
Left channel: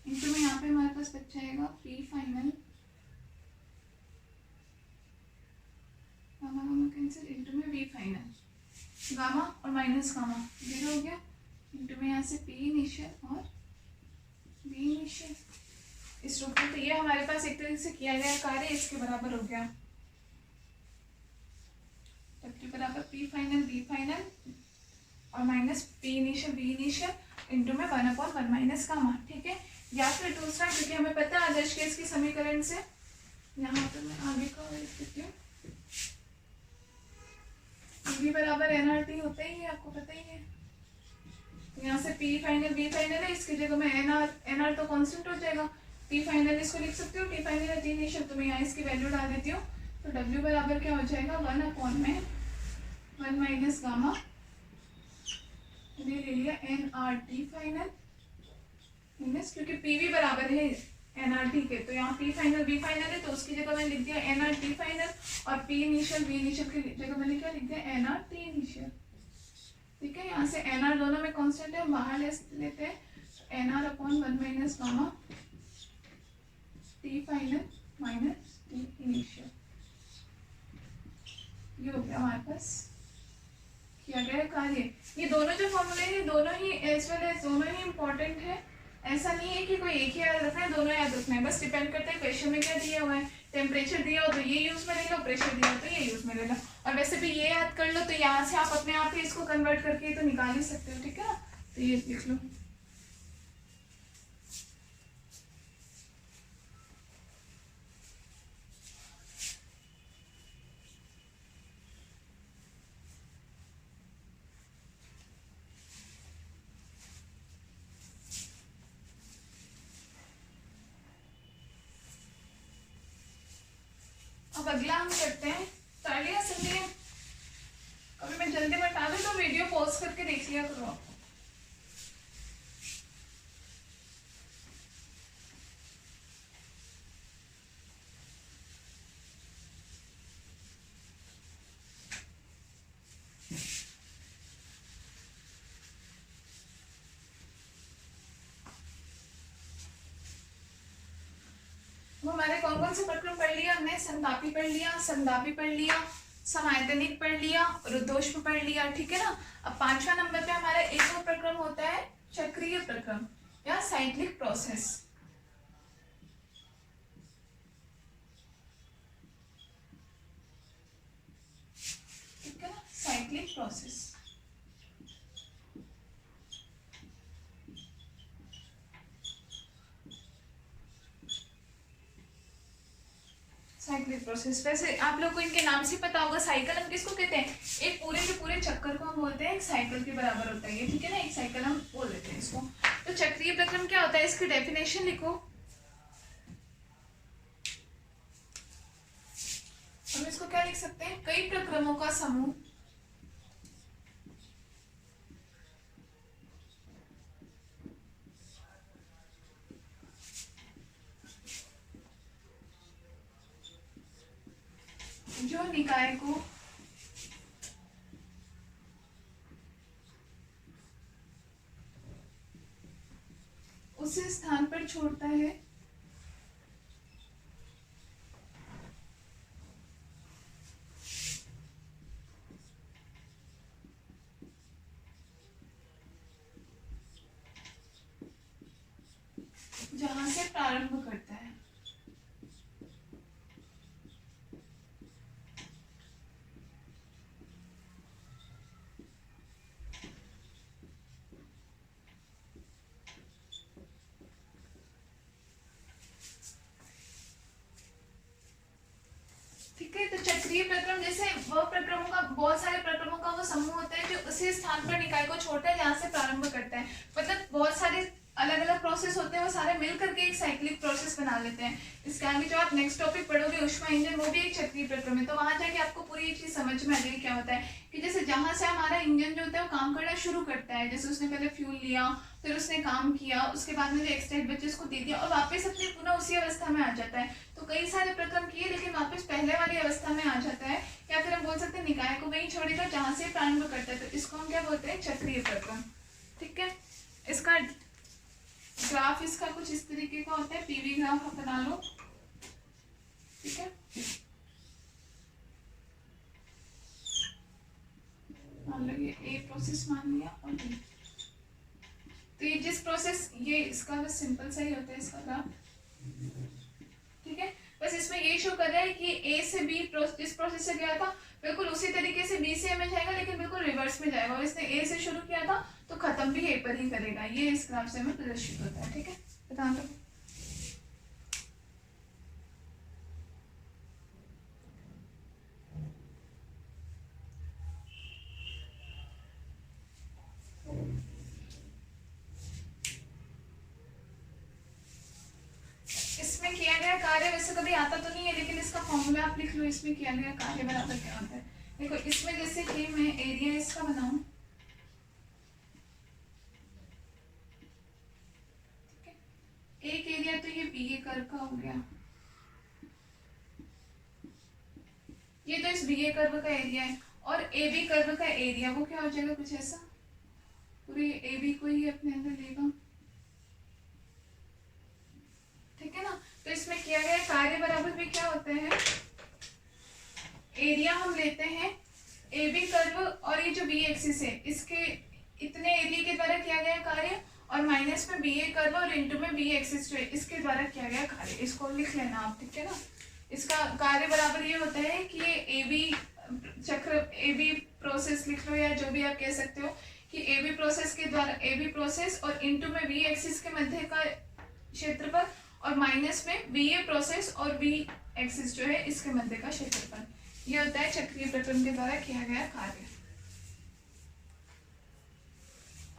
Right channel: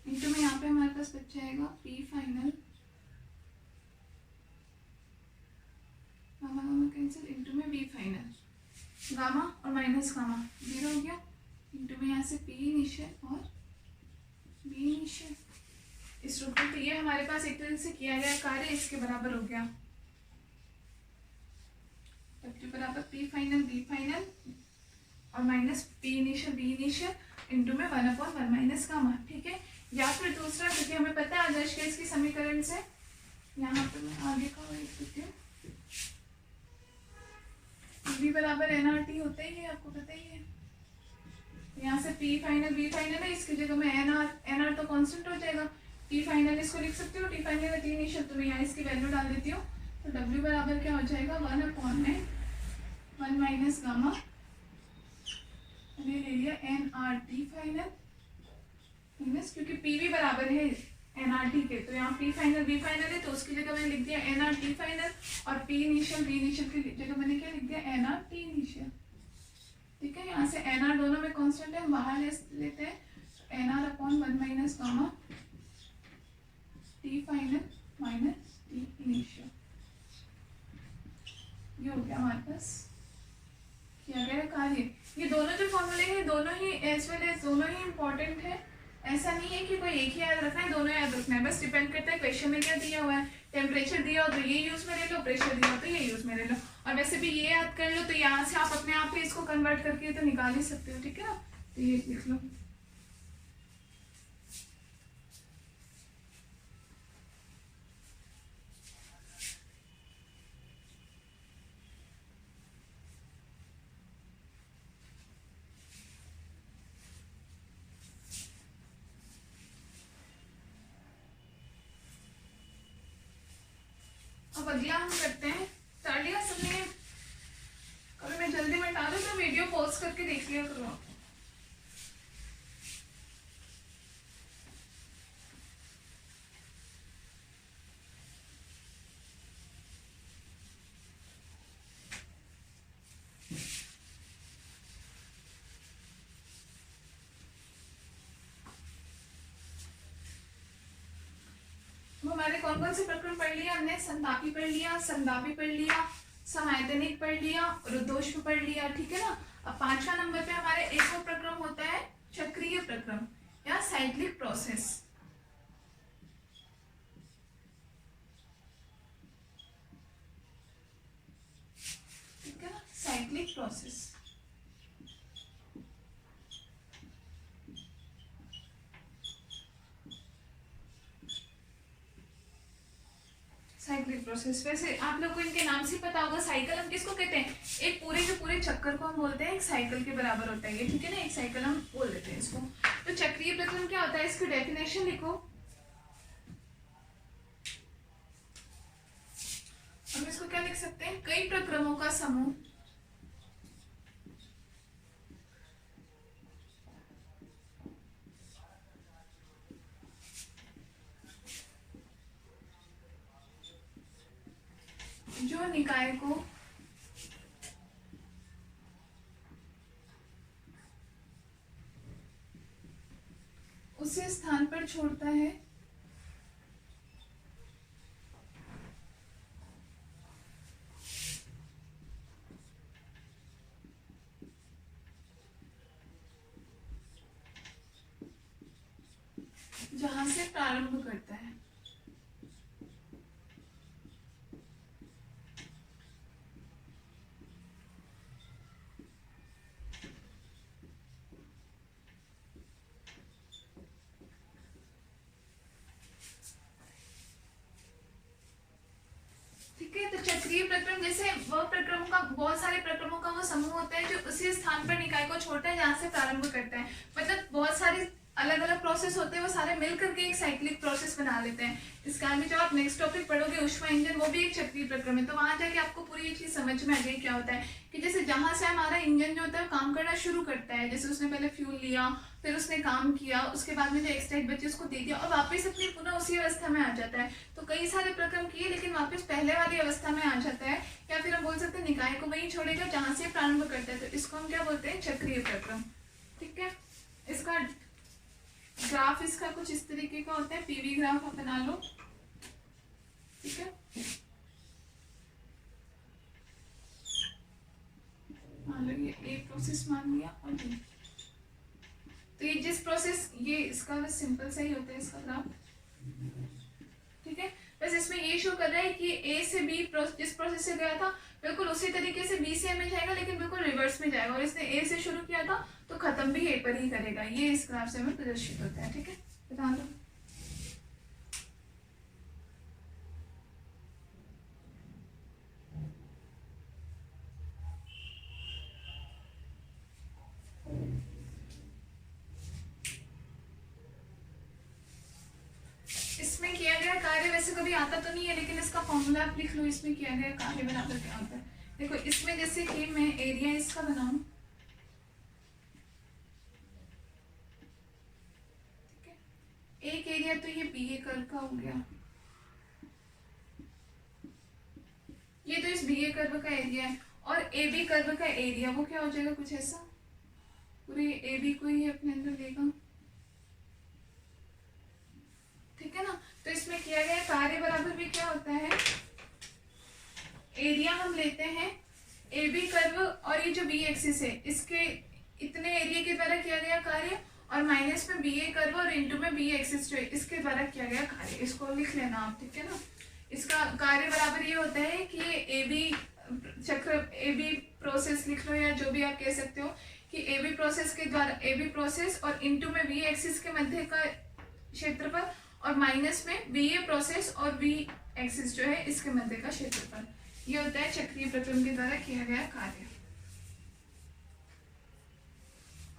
इनटू में यहाँ पे हमारे पास बच जाएगा P final gamma gamma cancel into में बी फाइनल गामा और माइनस गामा 0 हो गया, इनटू में यहाँ से पी इनिशियल और बी इनिशियल इस रूप में। तो ये हमारे पास एक तरह से किया गया कार्य इसके बराबर हो गया, W बराबर पी फाइनल बी फाइनल और minus P initial B initial into में 1/1 माइनस गामा। ठीक है, या फिर दूसरा, क्योंकि हमें पता है आदर्श केस की समीकरण से, यहाँ पे मैं आगे का लिख देती हूँ, बी बराबर एनआरटी होता ही है, आपको पता ही है। यहाँ से पी फाइनल बी फाइनल है, इसकी जगह में एनआर तो कांस्टेंट हो जाएगा, टी फाइनल इसको लिख सकती हूँ, टी फाइनल है टी इनिशियल, तो मैं यहाँ इसकी वैल्यू डाल देती हूँ। तो W बराबर क्या हो जाएगा, 1/1 माइनस गामा, मैंने ले लिया एनआरटी फाइनल माइनस, क्योंकि पीवी बराबर है एनआरटी के, तो यहाँ पी फाइनल बी फाइनल है तो उसकी जगह मैंने लिख दिया एनआरटी फाइनल, और पी इनिशियल बी इनिशियल की जगह मैंने क्या लिख दिया, एनआरटी इनिशियल। ठीक है, यहाँ से एनआर दोनों में कांस्टेंट है, बाहर लेते हैं, तो NR/1 minus gamma T final minus T initial, ये हो गया हमारे पास किया गया कार्य। ये दोनों जो फॉर्मूले हैं दोनों ही एज वेल एज दोनों ही इंपॉर्टेंट है, ऐसा नहीं है कि कोई एक ही याद रखना है, दोनों याद रखना है, बस डिपेंड करता है क्वेश्चन में क्या दिया हुआ है। टेम्परेचर दिया हो तो ये यूज में ले लो, प्रेशर दिया हो तो ये यूज में ले लो, और वैसे भी ये याद कर लो तो यहाँ से आप अपने आप ही इसको कन्वर्ट करके तो निकाल ही सकते हो। ठीक है ना, तो ये लिख लो। अब अगला हम करते हैं, कर लिया सबने, अभी मैं जल्दी बता दूं तो वीडियो पॉज करके देख लिया करो आप। हमारे कौन कौन से प्रक्रम पढ़ लिया हमने, संतापी पढ़ लिया, संदापी पढ़ लिया, समायतनिक पढ़ लिया, रुद्धोष्म पढ़ लिया। ठीक है ना, अब 5वां नंबर पे हमारा एक और प्रक्रम होता है चक्रीय प्रक्रम या साइक्लिक प्रोसेस। ठीक है ना, साइक्लिक प्रोसेस। साइक्लिक प्रोसेस, वैसे आप लोग को इनके नाम से पता होगा। साइकिल हम किसको कहते हैं, एक पूरे के पूरे चक्कर को हम बोलते हैं एक साइकिल के बराबर होता है ये। ठीक है ना, एक साइकिल हम बोल देते हैं इसको। तो चक्रीय प्रक्रम क्या होता है, इसकी डेफिनेशन लिखो। हम इसको क्या लिख सकते हैं, कई प्रक्रमों का समूह जो निकाय को उसी स्थान पर छोड़ता है से प्रारंभ करता है। ठीक है, तो चक्रीय प्रक्रम जैसे वह प्रक्रमों का, बहुत सारे प्रक्रमों का वो समूह होता है जो उसी स्थान पर निकाय को छोड़ता है जहाँ से प्रारंभ करता है। मतलब बहुत सारे अलग अलग प्रोसेस होते हैं, वो सारे मिल करके एक साइक्लिक प्रोसेस बना लेते हैं। इसके आगे जो आप नेक्स्ट टॉपिक पढ़ोगे ऊष्मा इंजन, वो भी एक चक्रीय प्रक्रम है। तो वहां जाके आपको पूरी एक चीज समझ में आ गई क्या होता है कि जैसे जहां से हमारा इंजन जो होता है वो काम करना शुरू करता है, जैसे उसने पहले फ्यूल लिया, फिर उसने काम किया, उसके बाद में जो एक्स्ट्रा हीट बची उसको दे दिया और वापस अपनी पुनः उसी अवस्था में आ जाता है। तो कई सारे प्रक्रम किए लेकिन वापस पहले वाली अवस्था में आ जाता है, या फिर हम बोल सकते हैं निकाय को वहीं छोड़ेगा जहां से प्रारंभ करता है। तो इसको हम क्या बोलते हैं, चक्रीय प्रक्रम। ठीक है, इसका ग्राफ इसका कुछ इस तरीके का होता है, पीवी ग्राफ आप बना लो। ठीक है, मान लो ये ए प्रोसेस मान लिया और बी। तो ये जिस प्रोसेस, ये इसका बस सिंपल सा ही होता है इसका ग्राफ। ठीक है, बस इसमें ये शो कर रहा है कि ए से बी जिस प्रोसेस से गया था बिल्कुल उसी तरीके से बी से ए में जाएगा, लेकिन बिल्कुल रिवर्स में जाएगा। और इसने ए से शुरू किया था तो खत्म भी ए पर ही करेगा। ये इस ग्राफ से हमें प्रदर्शित होता है। ठीक है, बता लो। इसमें किया गया कार्य वैसे कभी आता तो नहीं है, लेकिन इसका फॉर्मूला आप लिख लो। इसमें किया गया कार्य बराबर क्या होता है। देखो, इसमें जैसे कि मैं एरिया इसका बनाऊं, ठीक है, एक एरिया तो ये बी ए कर्व का हो गया, ये तो इस बी ए कर्व का एरिया है, और ए बी कर्व का एरिया वो क्या हो जाएगा, कुछ ऐसा, पूरी ए बी को ही अपने अंदर लेगा। ठीक है ना, तो इसमें किया गया कार्य बराबर भी क्या होता है, एरिया हम लेते हैं ए बी कर्व और ये जो बी एक्सिस है इसके इतने एरिया के द्वारा किया गया कार्य, और माइनस में बी ए कर्व और इनटू में बी एक्सिस जो है इसके द्वारा किया गया कार्य। इसको लिख लेना आप। ठीक है ना, इसका कार्य बराबर ये होता है कि ये ए बी चक्र, ए बी प्रोसेस लिख लो या जो भी आप कह सकते हो, कि ए बी प्रोसेस के द्वारा, ए बी प्रोसेस और इनटू में बी एक्सिस के मध्य का क्षेत्रफल, और माइनस में बी ए प्रोसेस और बी एक्सिस जो है इसके मध्य का क्षेत्रफल। ये होता है चक्रीय प्रक्रम के द्वारा किया गया कार्य।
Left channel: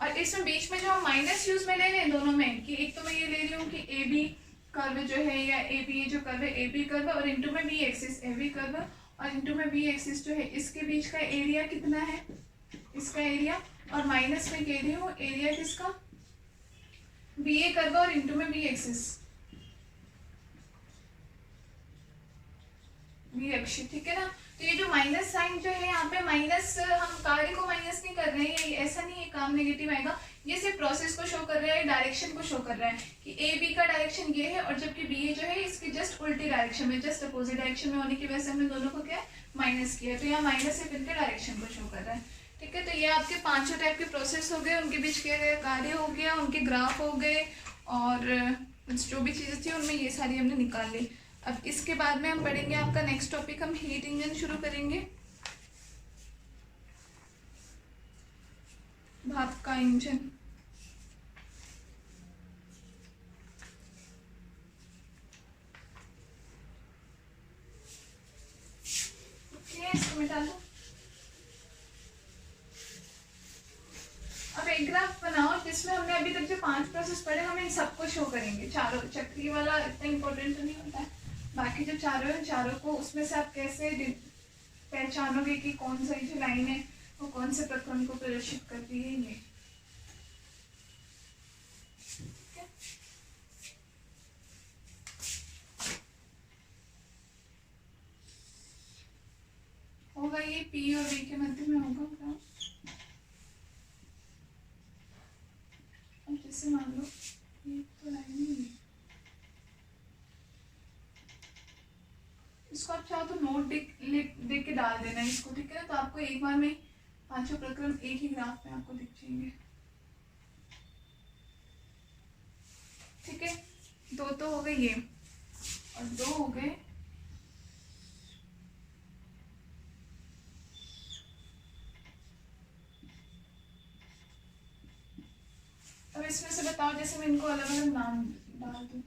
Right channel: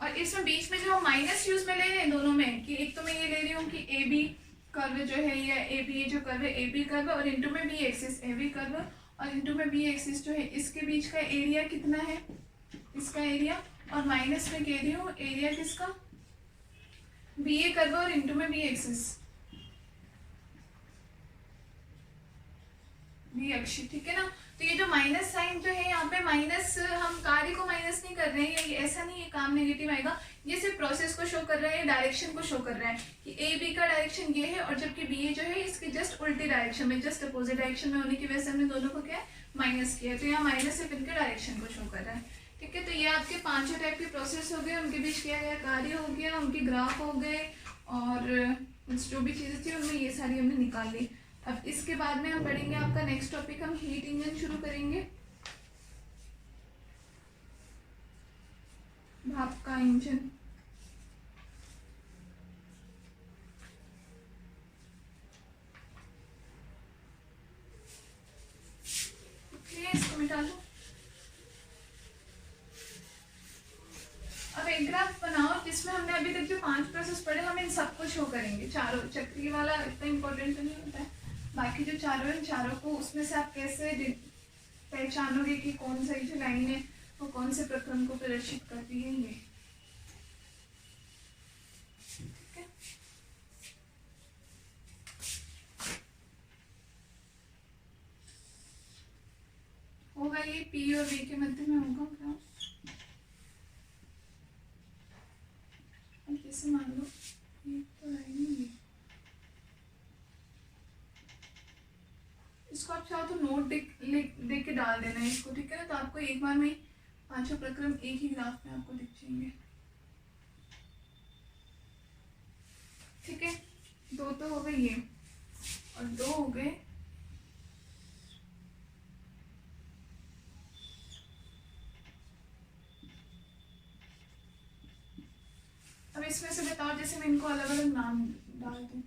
और इसमें बीच में जो हम माइनस यूज में ले रहे हैं दोनों में, कि एक तो मैं ये ले रही हूँ कि ए बी कर्व जो है, या ए बी जो कर्व है ए बी कर्व, और इनटू में B axis A B curve, और इनटू में बी एक्सिस जो है इसके बीच का एरिया कितना है, इसका एरिया, और माइनस में कह रही हूँ एरिया किसका, बी ए कर्व और इनटू में बी एक्सिस, बी अक्ष। ठीक है ना, तो ये जो माइनस साइन जो है यहाँ पे माइनस, हम कार्य को माइनस नहीं कर रहे हैं, ये ऐसा नहीं है काम नेगेटिव आएगा, ये सिर्फ प्रोसेस को शो कर रहा है, डायरेक्शन को शो कर रहा है कि ए बी का डायरेक्शन ये है, और जबकि बी ए जो है इसके जस्ट उल्टी डायरेक्शन में, जस्ट अपोजिट डायरेक्शन में होने की वजह से हमने दोनों को क्या माइनस किया, तो यहाँ माइनस सिर्फ इनके डायरेक्शन को शो कर रहा है। ठीक है, तो ये आपके पांचों टाइप के प्रोसेस हो गए, उनके बीच किया गया कार्य हो गया, उनके ग्राफ हो गए, और जो भी चीजें थी उनमें ये सारी हमने निकाल ली। अब इसके बाद में हम पढ़ेंगे आपका नेक्स्ट टॉपिक, हम हीट इंजन शुरू करेंगे, भाप का इंजन। इसको मिटा लो। अब एक ग्राफ बनाओ जिसमें हमने अभी तक जो 5 प्रोसेस पढ़े हम इन सबको शो करेंगे, चारों। चक्रीय वाला इतना इंपॉर्टेंट नहीं होता है, बाकी जो चारों है चारों को, उसमें से आप कैसे पहचानोगे कि कौन सा जो लाइन है वो कौन से प्रक्रम को प्रदर्शित करती है, ये। होगा ये पी और वी के मध्य में होगा ग्राफ। अब जैसे मान लो ये तो लाइन ही, इसको आप चाहो तो नोट देख के डाल देना इसको। ठीक है ना, तो आपको एक बार में पांचों प्रक्रम एक ही ग्राफ में आपको दिख जाएंगे। ठीक है, दो तो हो गए ये, और दो हो गए अब इसमें से बताओ, जैसे मैं इनको अलग अलग नाम डाल दूँ,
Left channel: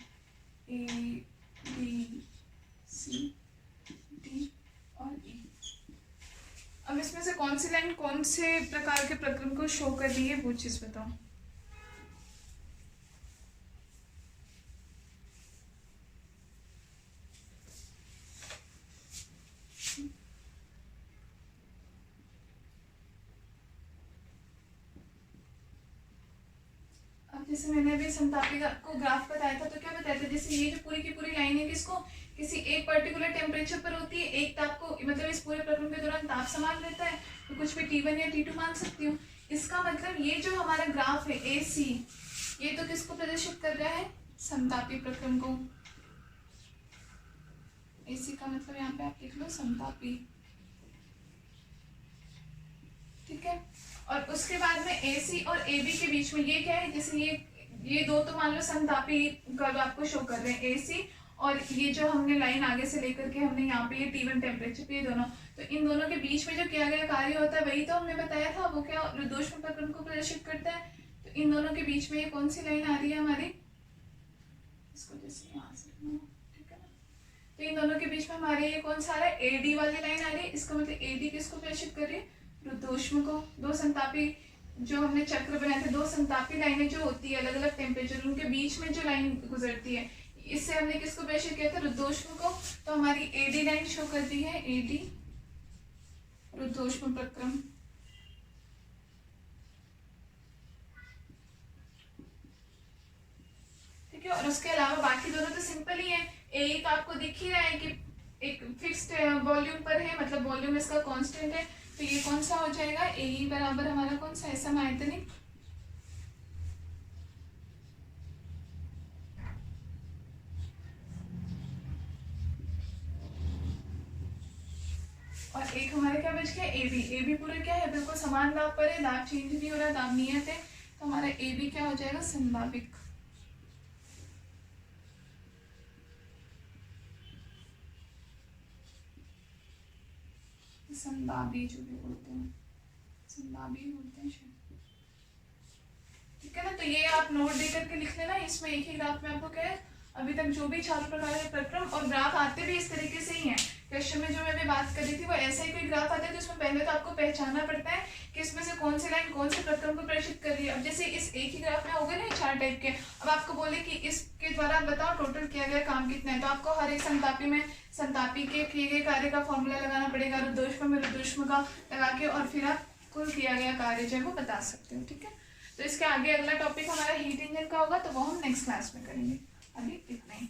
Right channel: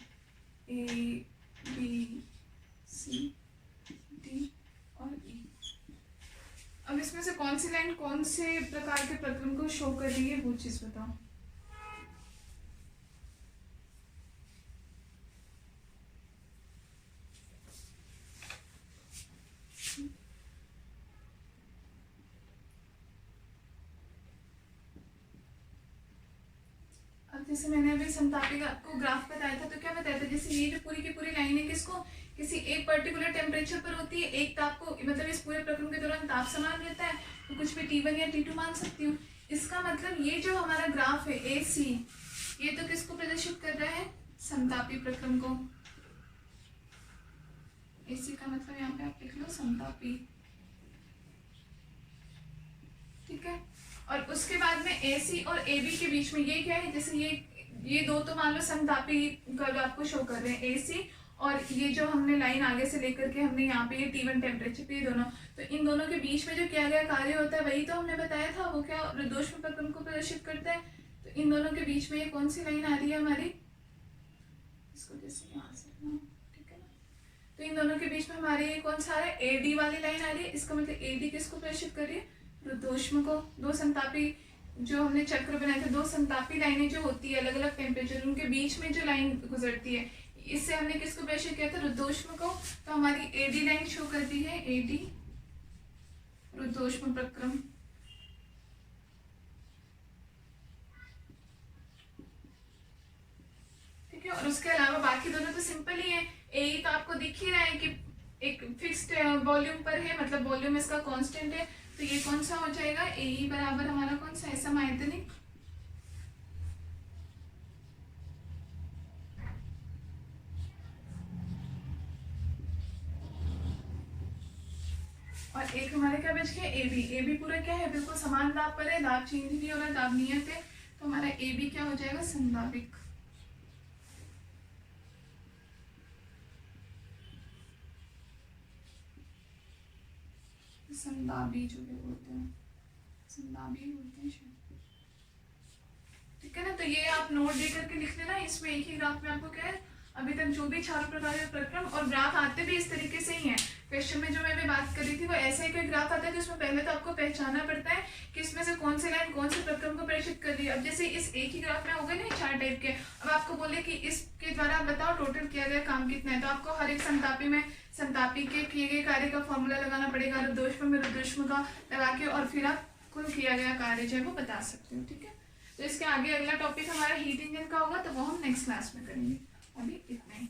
A B C D और E। अब इसमें से कौन सी लाइन कौन से प्रकार के प्रक्रम को शो कर रही है, वो चीज बताओ। जैसे मैंने अभी समतापी को ग्राफ बताया था, तो क्या बताया था, जैसे ये जो पूरी की पूरी लाइन है किसको, किसी एक पर्टिकुलर टेम्परेचर पर होती है, एक ताप को, मतलब इस पूरे प्रक्रम के दौरान ताप समान रहता है, तो कुछ भी T1 या T2 मान सकती हूँ। इसका मतलब ये जो हमारा ग्राफ है AC, ये तो किसको प्रदर्शित कर रहा है, समतापी प्रक्रम को। AC का मतलब यहाँ पे आप लिख लो समतापी, ठीक है। और उसके बाद में AC और AB के बीच में ये क्या है, जैसे ये दो तो मान लो समतापी कर्व आपको शो कर रहे हैं AC, और ये जो हमने लाइन आगे से लेकर के हमने यहाँ पे ये T1 टेम्परेचर पे, ये दोनों, तो इन दोनों के बीच में जो किया गया कार्य होता है वही तो हमने बताया था, वो क्या रुद्धोष्म प्रक्रम को प्रदर्शित करता है। तो इन दोनों के बीच में ये कौन सी लाइन आ रही है हमारी, इसको जैसे यहाँ से, ठीक है ना, तो इन दोनों के बीच में हमारे ये कौन सा आ रहा है, AD वाली लाइन आ रही है। इसका मतलब AD किसको प्रदर्शित कर रही है, रुद्धोष्म को। दो संतापी जो हमने चक्र बनाए थे, दो संतापी लाइनें जो होती है अलग अलग टेम्परेचर, उनके बीच में जो लाइन गुजरती है, इससे हमने किसको प्रदर्शित किया था, रुद्धोष्म को। तो हमारी AD लाइन शो कर रही है, AD रुद्धोष्म प्रक्रम। ठीक है, और उसके अलावा बाकी दोनों तो सिंपल ही है। AE तो आपको दिख ही रहा है कि एक फिक्स्ड वॉल्यूम पर है, मतलब वॉल्यूम इसका कांस्टेंट है, तो ये कौन सा हो जाएगा, AE बराबर हमारा कौन सा है, समआयतनिक। और एक हमारे क्या बच गया, AB पूरा क्या है, बिल्कुल समान दाब पर है, दाब चेंज नहीं हो रहा, दाब नियत है, तो हमारा AB क्या हो जाएगा, संदाबिक। संदाबी जो भी बोलते हैं, संदाबी बोलते हैं शायद, ठीक है ना। तो ये आप नोट दे करके लिख लेना, इसमें एक ही ग्राफ में आपको क्या है, अभी तक जो भी चारों प्रकार के प्रक्रम और ग्राफ आते भी इस तरीके से ही है। क्वेश्चन में जो मैं अभी बात कर रही थी वो ऐसा ही कोई ग्राफ आता है, तो इसमें पहले तो आपको पहचानना पड़ता है कि इसमें से कौन सी लाइन कौन से प्रक्रम को प्रदर्शित कर रही है। अब जैसे इस एक ही ग्राफ में हो गए ना चार टाइप के, अब आपको बोले कि इसके द्वारा आप बताओ टोटल किया गया काम कितना है, तो आपको हर एक संतापी में संतापी के किए गए कार्य का फॉर्मूला लगाना पड़ेगा, रुद्धोष्म में रुद्धोष्म का लगा के, और फिर आप कुल किया गया कार्य जो है वो बता सकते हो, ठीक है। तो इसके आगे अगला टॉपिक हमारा हीट इंजन का होगा, तो वो हम नेक्स्ट क्लास में करेंगे। अभी इतना ही।